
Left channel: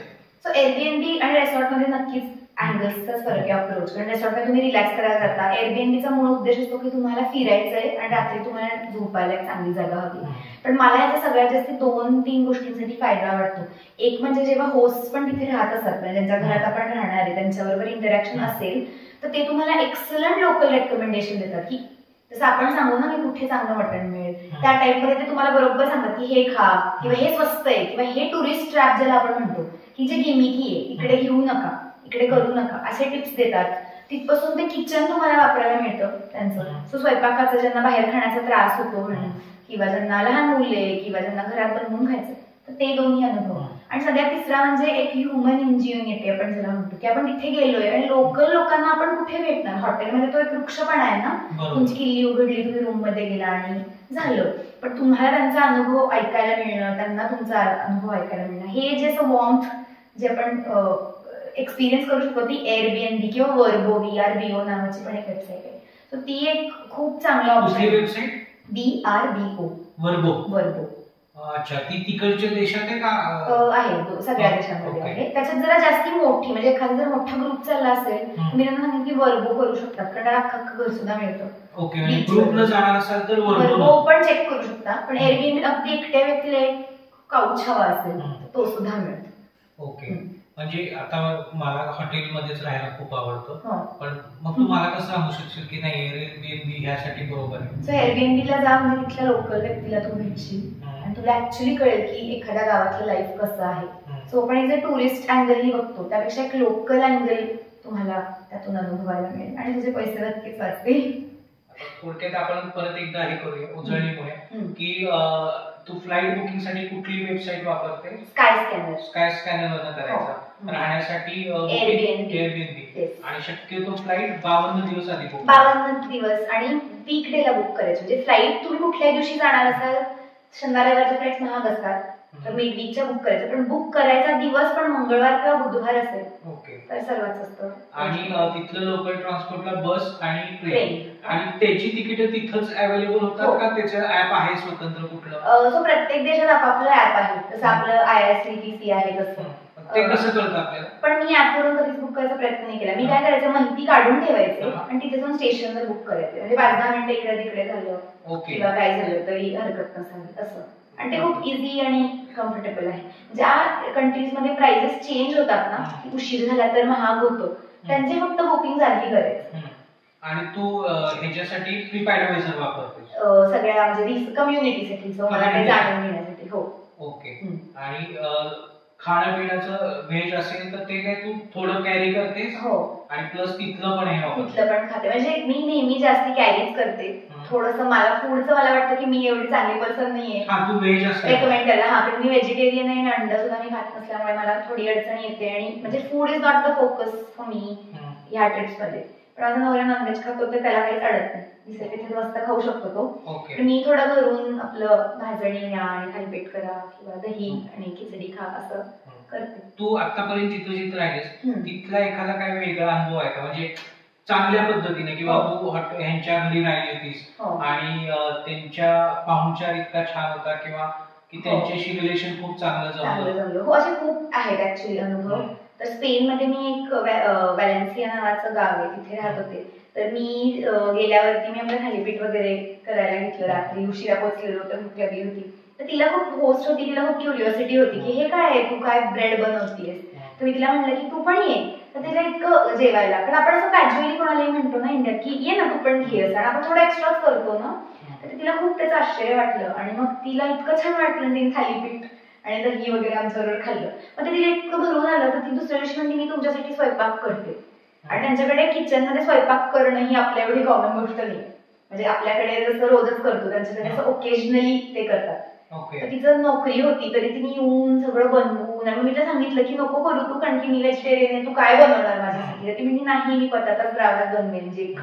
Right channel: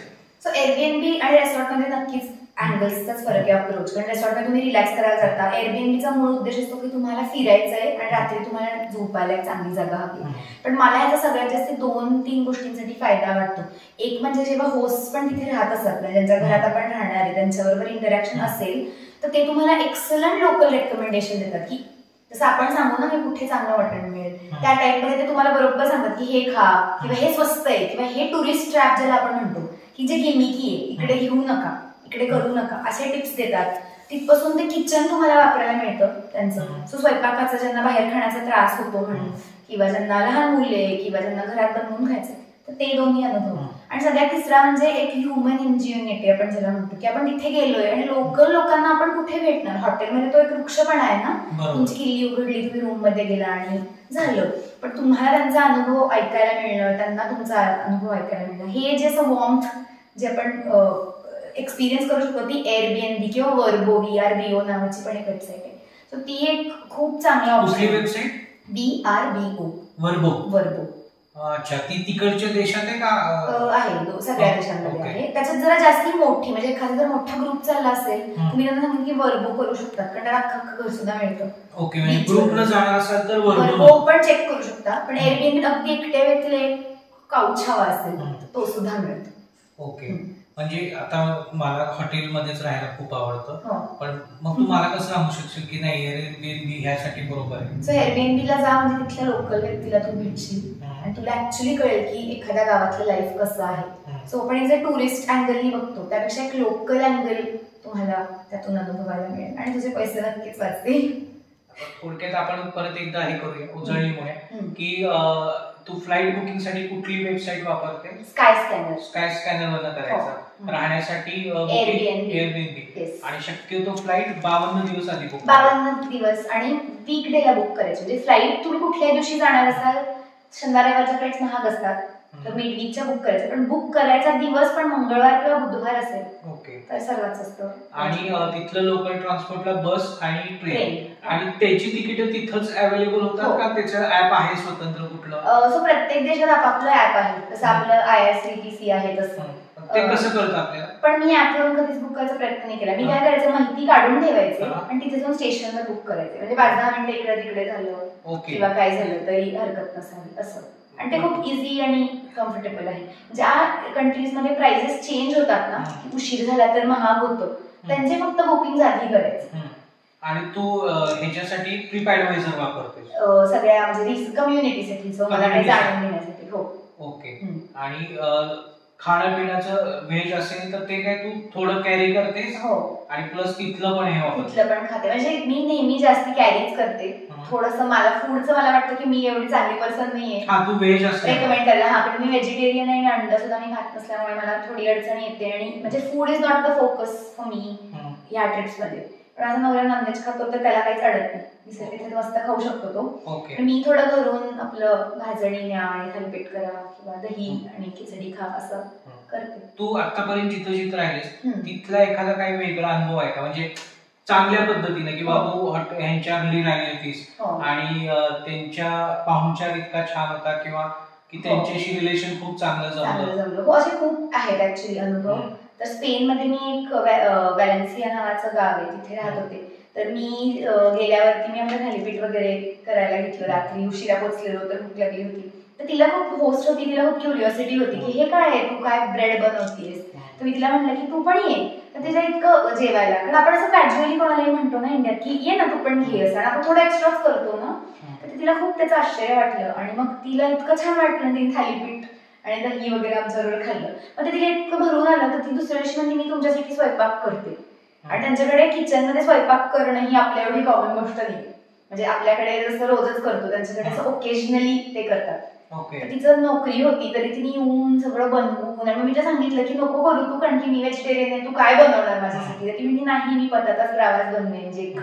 सो एअरबीएनबी आणि रिसॉर्ट मध्ये नक्कीच अँगल्सचाच फरक आहे, अप्रोच. कारण रिसॉर्टमध्ये तुम्ही रिलॅक्स करायला जाता, एअरबीएनबीचा मूळ उद्देश असतो की तुम्हाला फिरायचंय आणि रात्री तुम्हाला झोपायला एक चांगली जागा हवी. पण मला याचा सगळ्यात जास्त 2-3 गोष्टींसाठी फायदा वाटतो. एक म्हणजे जेव्हा होस्ट पण तिथे राहत असतात, ज्यांच्या घरात आपण राहणार आहे त्यांच्याबरोबर इंटरॅक्शन असेल, तर ते तुम्हाला एक्सलंट लोकल रेकमेंडेशन देतात की जसं आपण सांगू ना की कुठे चांगलं मटण मिळेल, त्या टाईपमध्ये ते तुम्हाला बरोबर सांगतात की हे खा किंवा हे स्वस्त आहे किंवा हे टुरिस्ट ट्रॅप ज्याला आपण म्हणतो की जे गिमिकी आहे, इकडे घेऊ नका, इकडे करू नका, असे टिप्स देतात. तिथपासून ते किचन तुम्हाला वापरायला मिळतं त्यांचं. सो स्वयंपाकाचा ज्यांना बाहेर खाण्याचा त्रास होतो म्हणून, किंवा ज्यांना लहान मुले किंवा ज्यांना घरात बनवून खायचं, तर ते दोन्ही अनुभव. आणि सगळ्यात तिसरा म्हणजे एक ह्युमन इंजिनिअरिटी आपण ज्याला म्हणतो की आपण तिथे गेलोय आणि लोकल लोकांना आपण कुठे भेटणार. हॉटेलमध्ये तो एक वृक्षपणा आहे ना, तुमची किल्ली उघडली, तुम्ही रूम मध्ये गेला आणि झालं. पण तुम्हाला त्यांचा अनुभव ऐकायला मिळणं, त्यांना तुमचा अनुभव ऐकायला मिळणं, हे जे असं वॉर्मथ जे आपण एक्सपिरियन्स करू शकतो, ती एअरबीएनबी किंवा वर्बो, VRBO नावाची पण एक वेबसाईट आहे. सो ती एक खूप चांगला ऑप्शन आहे. Website VRBO, वर्बो. अच्छा, ती तिकडच्या देशात आहे का? आहे, सगळ्या देशांमध्ये आहे. त्याच्यात जरा जास्ती मोठी, म्हणजे एखादा जर मोठा ग्रुप चालला असेल, तुम्ही त्यांना सांगितलं की वर्बो करू शकतात, कारण त्याला अख्खं घर सुद्धा मिळतं. ओके, म्हणजे ग्रुपला जाणार असाल तर वर्बो पण चेक करू शकता. पण एअरबीएनबी अगदी एकट्या व्यक्तीला एक काउच हवा असेल तो सुद्धा मिळतो. ओके. म्हणजे आता मला हॉटेलमध्येच राहायला खूप आवडतं, पण मग तू मला कसं सांगू शकशील की नाही एअरबीएनबी ह्यासाठी बरोबर आहे? सो एअरबीएनबीला जा, म्हणजे तिथल्या लोकल व्यक्तीला तू भेटशील आणि तुला ऍक्च्युली कळेल की एखाद्या गावातलं लाईफ कसं आहे. सो आपण एक जर टुरिस्ट अँगलनी बघतो, त्यापेक्षा एक लोकल अँगल तुम्हाला त्यातून अनुभवायला मिळेल आणि तुझे पैसे नक्कीच वाचतील. थोडक्यात आपण परत एकदा हे करूया उजळणीमुळे की तू फ्लाईट बुकिंग साठी कुठली वेबसाईट वापरते? स्काय स्कॅनर वरनं करायचा. राहण्यासाठी एअरबीएनबी, आणि शक्यतो फ्लाईट 52 दिवस आधी बुक 52 दिवस आणि वीकडे ला बुक करायची. म्हणजे फ्लाईट तुम्ही कुठल्याही दिवशी जाणार असाल, शनिवार रविवारच्या फ्लाईट्स महाग असतात, तर मिड वीकच्या बुक करायचं. पण बुक करायचा दिवस पण मंगळवार किंवा बुधवार असेल, ओके, तर सर्वात स्वस्त. आणि तिथलं लोकल ट्रान्सपोर्टला बस आणि ट्रेन, आणि त्याची तिकीट तिथंच अवेलेबल होतात का? त्याचं ऍप आहे स्वतंत्र कुठलं? सो प्रत्येक देशात आपापलं ऍप आहे, जसं आपलं IRCTC आहे तसं. ते कसं कळतं आपल्याला? पण मी ऍपवरून कधीच बुक करायचा प्रयत्न नाही केला. मी काय करायचं, माहिती काढून ठेवायचे आणि तिथे जाऊन स्टेशनवर बुक करायचे. म्हणजे 5-10 मिनिटं इकडे तिकडे झालं किंवा काय झालं तरी हरकत नसावी असं. आणि ते खूप इझी आणि कम्फर्टेबल आहे. ज्या कंट्रीज मध्ये प्राइसेस चेंज होतात ना, उशीर झाला तर महाग होतो, त्यांचे फक्त बुकिंग आधी करायचं. आणि तू ह्याच्यासाठी ट्रिप ऍडवायझर वापरते? सगळ्या म्हणजे कम्युनिटीसाठी, सो मला काही जाणून घेण्यासाठी. हो, ओके. आणि खाणं पिण्याचं व्हेज असेल तर ते काय तू थोडं कॅरी करतेस? हो, आणि प्लस तिथलं पण हे वापरते? तिथलं पण खाते. म्हणजे मी नेहमी जास्ती कॅरीच करते. थोडंसं मला फूडचं मला वाटतं की मी एवढी चांगली पर्सन नाहीये तू व्हेज असते रेकमेंड करायला. पण मी व्हेजिटेरियन आहे आणि अंडा सुद्धा मी खात नसल्यामुळे मला थोडी अडचण येते. आणि म्हणजे food is not the focus for me ह्या ट्रिप्स मध्ये. पण माझा नवरा नॉनव्हेज खातो तर त्याला काहीच अडत नाही, दिसेल तिथे मस्त खाऊ शकतो तो. मी थोडं घरून आपलं भाजणी न्या आणि थालीपीठ करा किंवा दही आणि खिचडी खा असं करते. तू आतापर्यंत जिथं जिथं राहिलीस तिथला एखादा काही वेगळा अनुभव आहे का, म्हणजे चांगल्या पद्धतीने, किंवा तू ह्यांच्या घरी राहिली होतीस आणि त्यांच्या पाहुणचार इतका छान होता किंवा की त्यांच्याशी रिलेशन खूप चांगलं जमलं? हो, असे खूप आहेत ऍक्च्युली अनुभव. तर स्पेन मध्ये मी एक वॅलेन्सिया नावाचं गाव आहे, तिथे राहत होते. तर मी गेल्यावरती मी आपलं थालीपीठ वगैरे करायला घेतलं. रात्री उशिरा पोहोचलेलो तर भूक लागली होती. तर तिला खूप होस्ट होती, तिला खूप क्युरिओसिटी होती की हे काय आहे, तू काय ब्रेड बनवतीयस. तर मी तिला म्हटलं की तू पण ये. तर त्याच्या इतकं जेवायला, कारण आपण असं कॅज्युअली कोणालाही म्हणतो ना इंडियात की ये ना तू पण घे असं, आणि आपण थोडं एक्स्ट्राच करतो ना, तर तिला खूप त्याचं आश्चर्य वाटलं आणि मग तिला इतकं छान वाटलं तिने थालीपीठ आणि दही वगैरे आमच्याबरोबर खाल्लं. मग ते तिला इतकं भरून आलं तर ती दुसऱ्या दिवशी म्हणते मी तुमच्यासाठी स्वयंपाक करते. आणि त्यांच्याकडे किचनमध्ये स्वयंपाक करणं ही आपल्या एवढी कॉमन गोष्ट नाही, म्हणजे आपल्याकडे जसं रोजच करतो त्यांच्याकडे असं ओकेजनली ते करतात. तिचं नोकरी होती तरी तिने येऊन सगळं बनवून, आणि मी तिला सांगितलं की नको करू तू, कारण की मी व्हेजिटेरियन आहे, तू काय बनवणार माझ्यासाठी. तर ती म्हणजे नाही मी पताकाच ग्रावास बनवेन, जे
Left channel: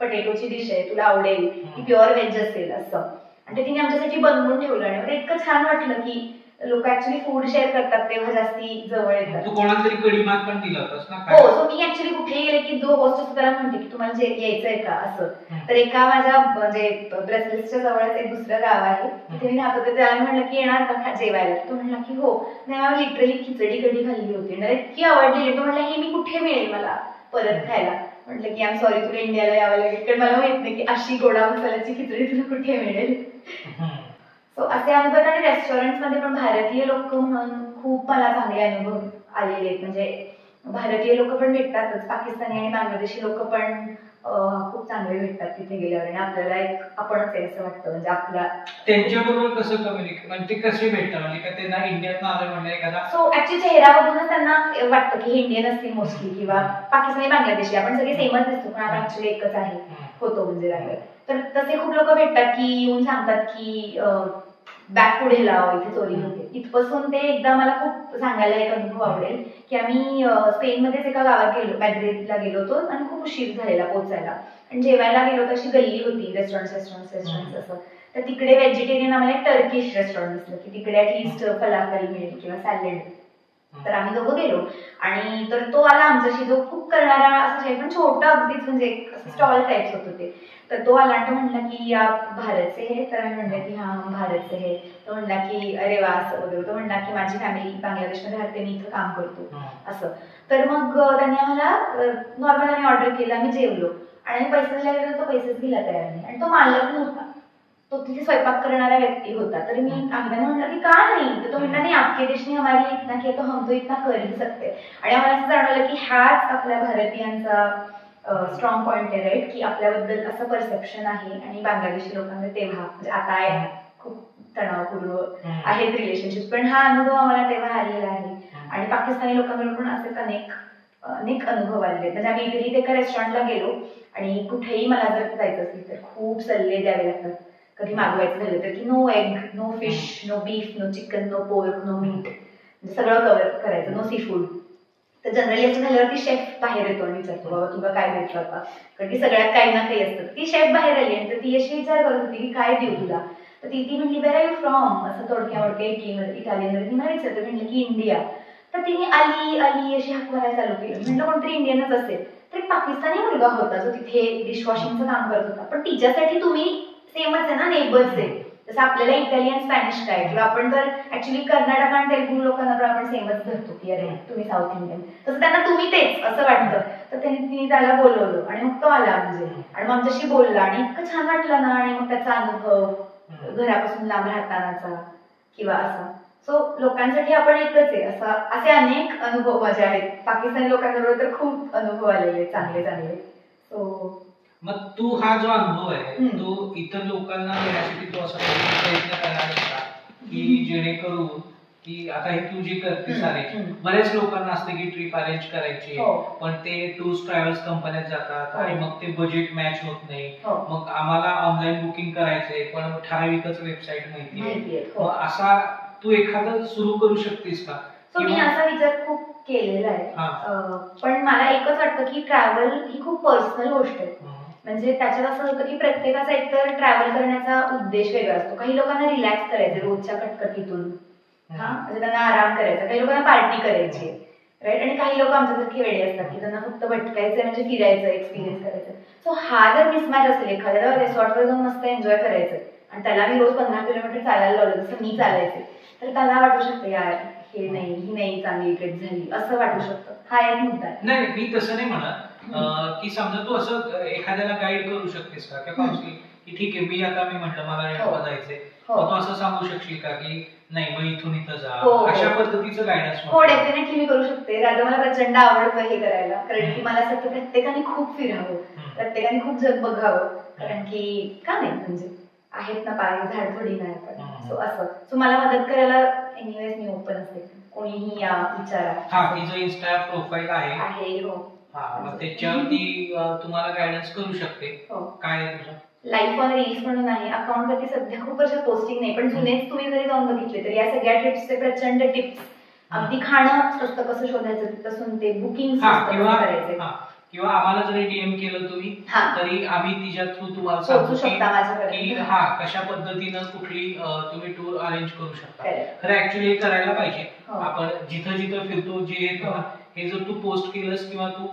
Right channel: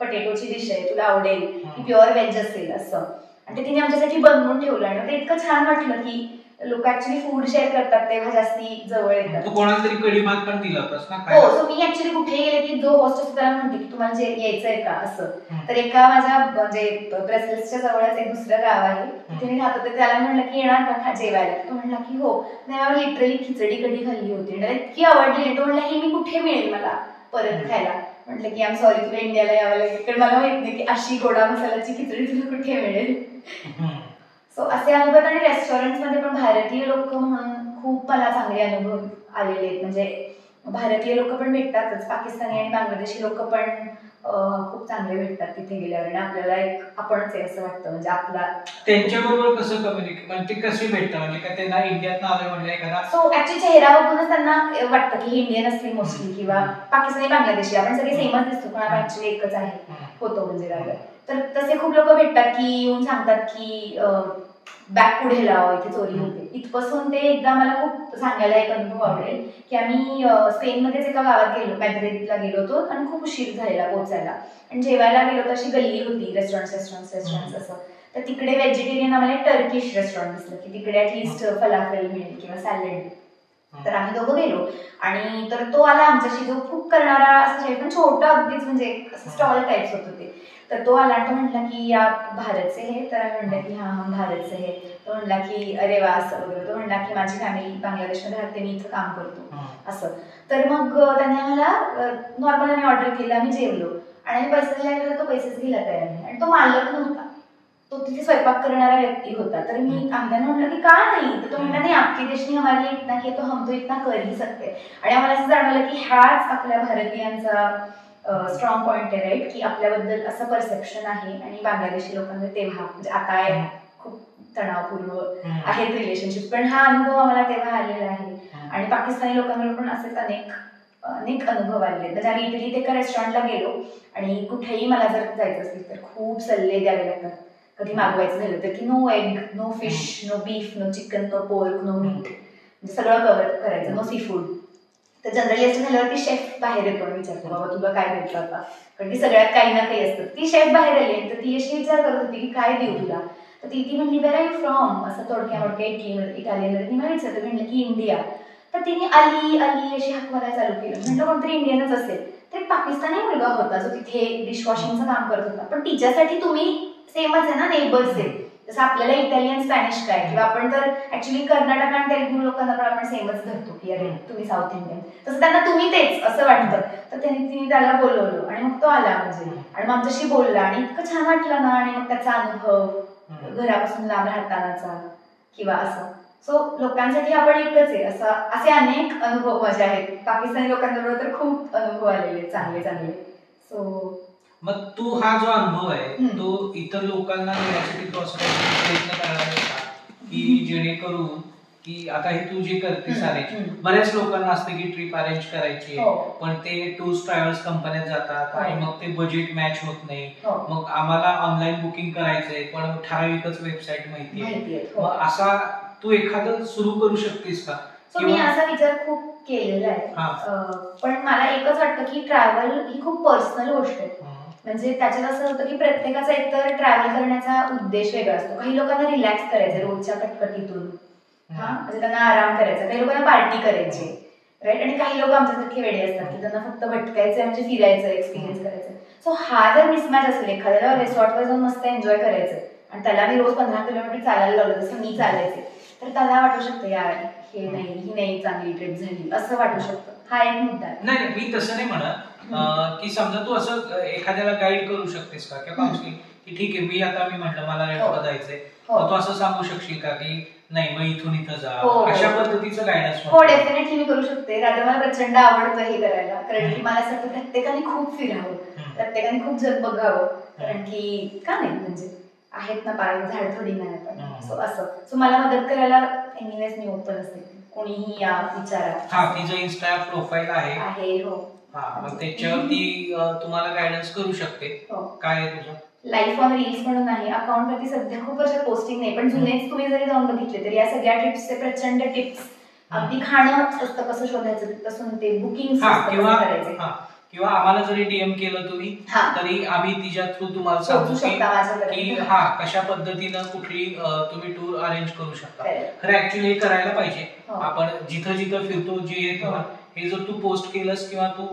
पटेटोची डिश आहे तुला आवडेल, ती प्युअर व्हेज असेल असं. आणि ते तिने आमच्यासाठी बनवून ठेवलं आणि ते इतकं छान वाटलं की लोक ऍक्च्युली फूड शेअर करतात तेव्हा जास्ती जवळ येतात. तू कोणाला तरी कढी भात पण दिला होतास ना? हो, सो मी ऍक्च्युली कुठेही गेले की जो होस्ट असतो त्याला म्हणते की तुम्हाला जे यायचंय का असं. तर एका माझ्या म्हणजे ब्रसेल्सच्या जवळच एक दुसरं गाव आहे तिथे मी राहत होते, त्याला म्हणलं की येणार का जेवायला, तो म्हणला की हो. नाही, लिटरली खिचडी कढी खाल्ली होती, इतकी आवडली. तो म्हणला ही मी कुठे मिळेल मला परत खायला. म्हटलं की आय एम सॉरी तुला इंडियाला यावं लागेल, कारण मला माहित नाही की अशी गोडा मसाल्याची खिचडी तुला कुठे मिळेल. सो असे अनुभव. आणि रेस्टॉरंटमध्ये पण भारतीय लोक म्हणून खूप मला चांगले अनुभव आलेले आहेत, म्हणजे भारतीय लोक पण भेटतातच, पाकिस्तानी आणि बांगलादेशी लोक पण खूप चांगले भेटतात तिथे गेल्यावर, आणि आपल्याला एक आपणच आहे असं वाटतं, म्हणजे आपला त्यांच्याबरोबर कसं कम्युनिकेट म्हणजे कसे भेटतात, म्हणजे का त्यांना इंडियात आलं म्हणलं एखादा. सो ऍक्च्युली चेहरा बघूनच त्यांना वाटतं की हे इंडियन असतील मोस्टली, किंवा पाकिस्तानी बांगलादेशी, आपण सगळे सेमच दिसतो पण आपण ऍक्च्युली एकच आहे होतो म्हणजे राहिलं. तर तसे खूप लोक भेटतात की येऊन सांगतात की बॅग पुढे लाव इथे चोरी होते. इथपासून ते एकदा मला खूप सांगायला एक अनुभव आवडेल की आम्ही स्पेनमध्येच एका गावात गेलो, मॅड्रिडला गेलो होतो आणि खूप उशीर झालेला पोहोचायला, आणि जेवायला गेलो तर अशी गल्ली होती रेस्टॉरंट असं. तर तिकडे व्हेजिटेरियन आम्हाला एक टर्किश रेस्टॉरंट दिसलं की तिकडे ऍटलिस्ट फलाफेल मिळेल किंवा सॅलेड. तर आम्ही दोघं गेलो आणि तर तो आला आमच्याशी, जो कुक करणारा असं पण छोटा अगदीच म्हणजे स्टॉल टाईप्स होत होते. तर तो आला आणि तो म्हटला की या भारतचे हे, तर आम्ही म्हटलं की हा भारतचे हे. तो म्हणला की अरे वा असं वगैरे. तो म्हणला की माझी फॅमिली बांगलादेशमध्ये राहते, मी इथं काम करतो असं. तर मग त्यांनी आम्हाला नॉर्मल आम्ही ऑर्डर केलं, आम्ही जेवलो आणि आम्ही पैसे दिला गेलो, तो पैसेच दिला तयार नाही. आणि तो मालक नव्हता, तो तिथे स्वयंपाक करणारा व्यक्ती होता. तर मी आम्हाला म्हटलं की का नाही, तर तो म्हणला नाही आपके देश ने हमारे इतना किया तो हम तो इतना कर ही सकते. आणि आम्हाला असं जाणवलं की हाच आपल्या भारतीयांचा स्ट्रॉंग पॉइंट आहे, राईट, की आपल्याबद्दल असं परसेप्शन आहे. आणि बांगलादेशी लोकांना तेव्हा म्हणजे आता खूप तणावपूर्व आहेत रिलेशनशिप, पण हा अनुभव आम्हाला तेव्हा आलेला आहे. आणि पाकिस्तानी लोकांबरोबर पण असेच अनेक अनुभव आलेले. म्हणजे आम्ही इटलीत एका रेस्टॉरंटला गेलो आणि कुठेही मला जर जायचं असेल तर खूप सल्ले द्यावे लागतात. कधी मागवायचं झालं तर की no egg, no fish, no beef, no chicken, no pork, no meat, म्हणजे सगळं कव्हर करायचं, नो सी फूड. तर जनरली असं झाल्यावरती शेफ बाहेर येतो आणि विचारतो बाबा तुला काय द्यायचं आता, कारण की सगळ्यात काही ना काही असतं. ती शेफ बाहेर आली आणि तर ती अशी विचार करत होती की काय देऊ तुला. तर ती म्हणली वेर आर यू फ्रॉम, असं थोडक्या इटालियनमध्ये ती मला विचारतं. म्हणलं की इंडिया. तर तिने अली अशी हाक मारायला चालू केलं. म्हटलं कोणतरी इंडियनच असेल. तर एक पाकिस्तानी मुलगा होता जो तिथे डिशवॉशिंगचं काम करत होता, पण तिच्यासाठी तुम्ही सेमच आहे ना, नेबर्स आहे. जसं आपल्याला इटालियन स्पॅनिश काय, किंवा आपण तर ऍक्च्युली कर्नाटक आणि तेलुगू लोकांना पण आपण सेमच धरतो की अरे तुम्ही साऊथ इंडियन, तसं त्यांना तुम्ही तेच असं वाटतं. तर तिने त्याला बोलवलं आणि मग तो आला म्हणजे, आणि मग आमच्याशी बोलला आणि इतकं छान वाटलं ना. आणि मग त्याचा अनुभव घरापासून लांब राहतानाचा किंवा असं. सो लोकांसाठी आपण एकच आहे असे अनेक अनुभव माझे आहेत. पाकिस्तानी लोकांबरोबर तर खूप अनुभव आलेले चांगले. सो मग तू हा जो अनुभव आहे तो इतर लोकांना देण्यासाठी तू असं प्रयत्न करणार आहे का, की जेणेकरून की आता हे तू जे करतेस अरेंज, बऱ्याच लोकांना असते की ट्रिप अरेंज करायची पण ते टूर्स ट्रॅव्हल्स कंपन्यात जातात आणि मग ते बजेट मॅच होत नाही. मग आम्हाला ऑनलाईन बुकिंग करायचंय पण ठराविकच वेबसाईट माहिती आहे. मग असा तू एखादं सुरू करू शकतेस का? मी असा विचार खूप केलेला आहे, पण मला एकच वाटतं की ट्रॅव्हल ही खूप पर्सनल गोष्ट आहे. म्हणजे त्याच्यात असं होतं की प्रत्येकाचा एकतर ट्रॅव्हल करण्याचा उद्देश वेगळा असतो. काही लोकांना रिलॅक्स करायचं रोजच्या कटकटीतून, म्हणजे त्यांना आराम करायचा, काही लोकांना पार्टी करायची, राईट, आणि काही लोक आमच्यासारखे वेडे असतात की त्यांना फक्त भटकायचं म्हणजे फिरायचं, एक्सपिरियन्स करायचं. सो हा जर मिसमॅच असेल, एखाद्याला रिसॉर्टवर जाऊन मस्त एन्जॉय करायचं आणि त्याला मी रोज 15 किलोमीटर चालायला लावलं जसं मी चालायचे, तर त्याला वाटू शकतं यार ही नाही चांगली ट्रिप झाली असं वाटू शकतं. हा एक मुद्दा आहे. नाही, मी तसं नाही म्हणत की समजा तू असं एखाद्याला गाईड करू शकतेस का किंवा काउन्सिलिंग की ठीक आहे मी म्हटलं मला रेंटला जायचंय, तू असं सांगू शकशील का की नाही मग इथून इथं जा, अशा पद्धतीचं गायडन्स? हो डेफिनेटली मी करू शकते. राधा मला प्रचंड आवडतं हे करायला, कारण की मला असं प्रत्येकाने खूप फिरावं, प्रत्येकाने खूप जग बघावं, कारण की का नाही म्हणजे आहेत ना पाय, झाड थोडी नाही आपण. सो असं सो मला मदत करायला एनिवेज मी ओपन असते, कोणीही या विचारा. तिचं इन्स्टा प्रोफाईल आहे. हो मग त्याच्यावरती तुम्हाला गायडन्स करू शकते. काय आहे तुझं? लाईफ ऑन रील्स म्हणून आहे अकाउंट वरती. सध्या खूप वर्ष पोस्टिंग नाही, पण जुनेच तुम्ही जरी जाऊन बघितले तर या सगळ्या ट्रिप्सचे प्रचंड टिप्स, अगदी खाणं स्वस्त कसं शोधायचं तसून ते बुकिंग करायचे, किंवा आम्हाला जरी डीएम केलं तुम्ही तरी आम्ही तिच्या थ्रू तुम्हाला सांगू की कशा पद्धतीनं कुठली तुम्ही टूर अरेंज करू शकता. खरं ऍक्च्युली हे करायला पाहिजे. आपण जिथं जिथं फिरतो जे येतो हे जर तू पोस्ट केलंस किंवा तू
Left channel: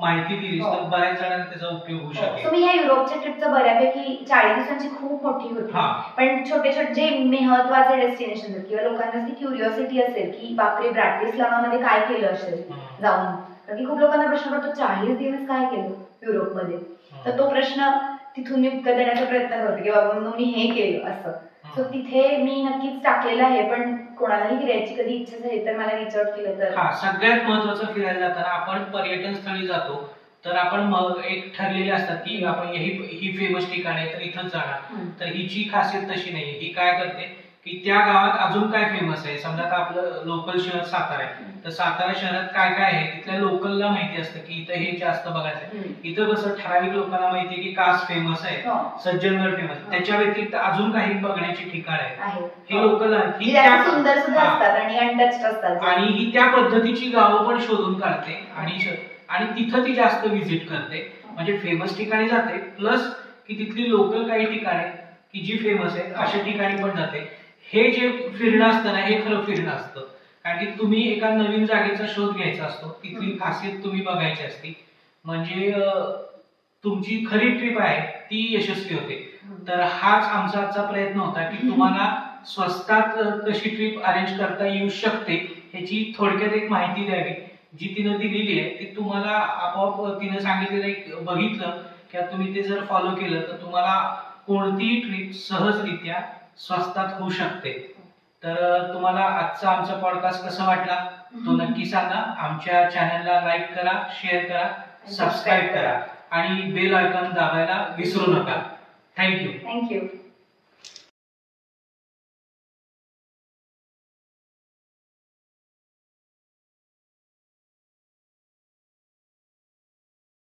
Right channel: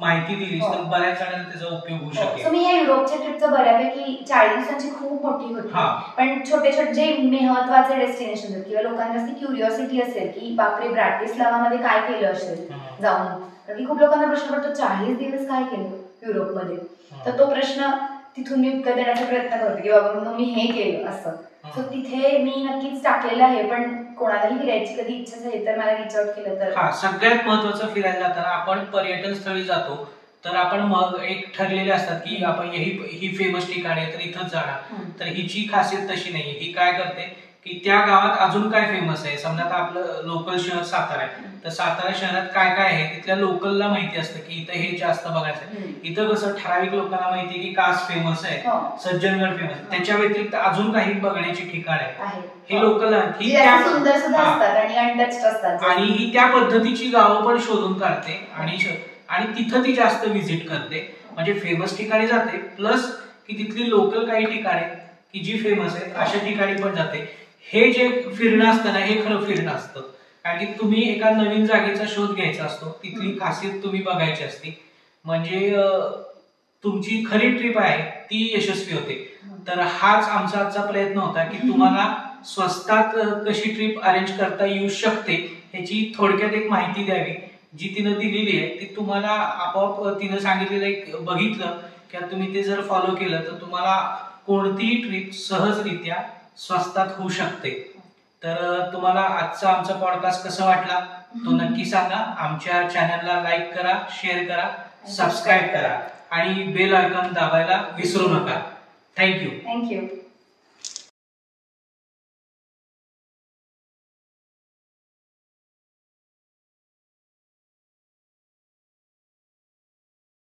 माहिती दिलीस तर बऱ्याच जणांना त्याचा उपयोग होऊ शकेल. मी ह्या युरोपच्या ट्रिपचं बऱ्यापैकी 40 दिवसांची खूप मोठी होती, पण छोटे छोटे जे महत्वाचे डेस्टिनेशन किंवा लोकांना क्युरिओसिटी असेल की बापरे ब्राटिस्लावामध्ये काय केलं असेल जाऊन, कारण की खूप लोकांना प्रश्न पडतो 40 दिवस काय केलं युरोपमध्ये, तर तो प्रश्न तिथून मी उत्तर देण्याचा प्रयत्न करते की बाबा मी हे केलं असं. सो तिथे मी नक्कीच टाकलेलं आहे, पण कोणालाही फिरायची कधी इच्छा झाली तर मला रिच आउट केलं तर. सगळ्यात महत्वाचं फिरायला जाताना आपण पर्यटन स्थळी जातो तर आपण एक ठरलेले असतात की आपण ही फेमस ठिकाण आहे तर इथंच जाणार. तर हिची खासियत तशी नाहीये. ही काय करते की त्या गावात अजून काय फेमस आहे, समजा आता आपलं लोकल शहर सातारा आहे तर सातारा शहरात काय काय आहे तिथल्या लोकलला माहिती असतं की इथं हे जास्त बघायचं आहे. इथं कसं ठराविक लोकांना माहिती आहे की कास फेमस आहे, सज्जनगड फेमस, त्याच्या व्यतिरिक्त अजून काही बघण्याची ठिकाण आहे हे लोकल सुंदर सुद्धा असतात आणि अनटच्ड असतात, आणि ही त्या पद्धतीची गावं पण शोधून काढते आणि तिथं ती जास्त व्हिजिट करते. म्हणजे फेमस ठिकाणी जाते प्लस की तिथली लोकल काही ठिकाणे की जी फेमस आहेत अशा ठिकाणी पण जाते. हे जे फिरणं असतं ना हे खरं फिरणं असतं, कारण की तुम्ही एका नवीन जागेचा शोध घ्यायचा असतो, तिथली खासियत तुम्ही बघायची असते, म्हणजे तुमची खरी ट्रिप आहे ती यशस्वी होते. तर हाच आमचा आजचा प्रयत्न होता की तुम्हाला स्वस्तात कशी ट्रिप अरेंज करता येऊ शकते ह्याची थोडक्यात एक माहिती द्यावी. जी तिनं दिलेली आहे ती तुम्हाला आपोआप तिनं सांगितलेलं एक बघितलं किंवा तुम्ही ते जर फॉलो केलं तर तुम्हाला कोणतीही ट्रिप सहजरित्या स्वस्तात होऊ शकते. तर तुम्हाला आजचा आमचा पॉडकास्ट कसा वाटला तो नक्की सांगा. आमच्या चॅनलला लाईक करा, शेअर करा, सबस्क्राईब करा आणि बेल आयकॉन दाबायला विसरू नका. थँक्यू.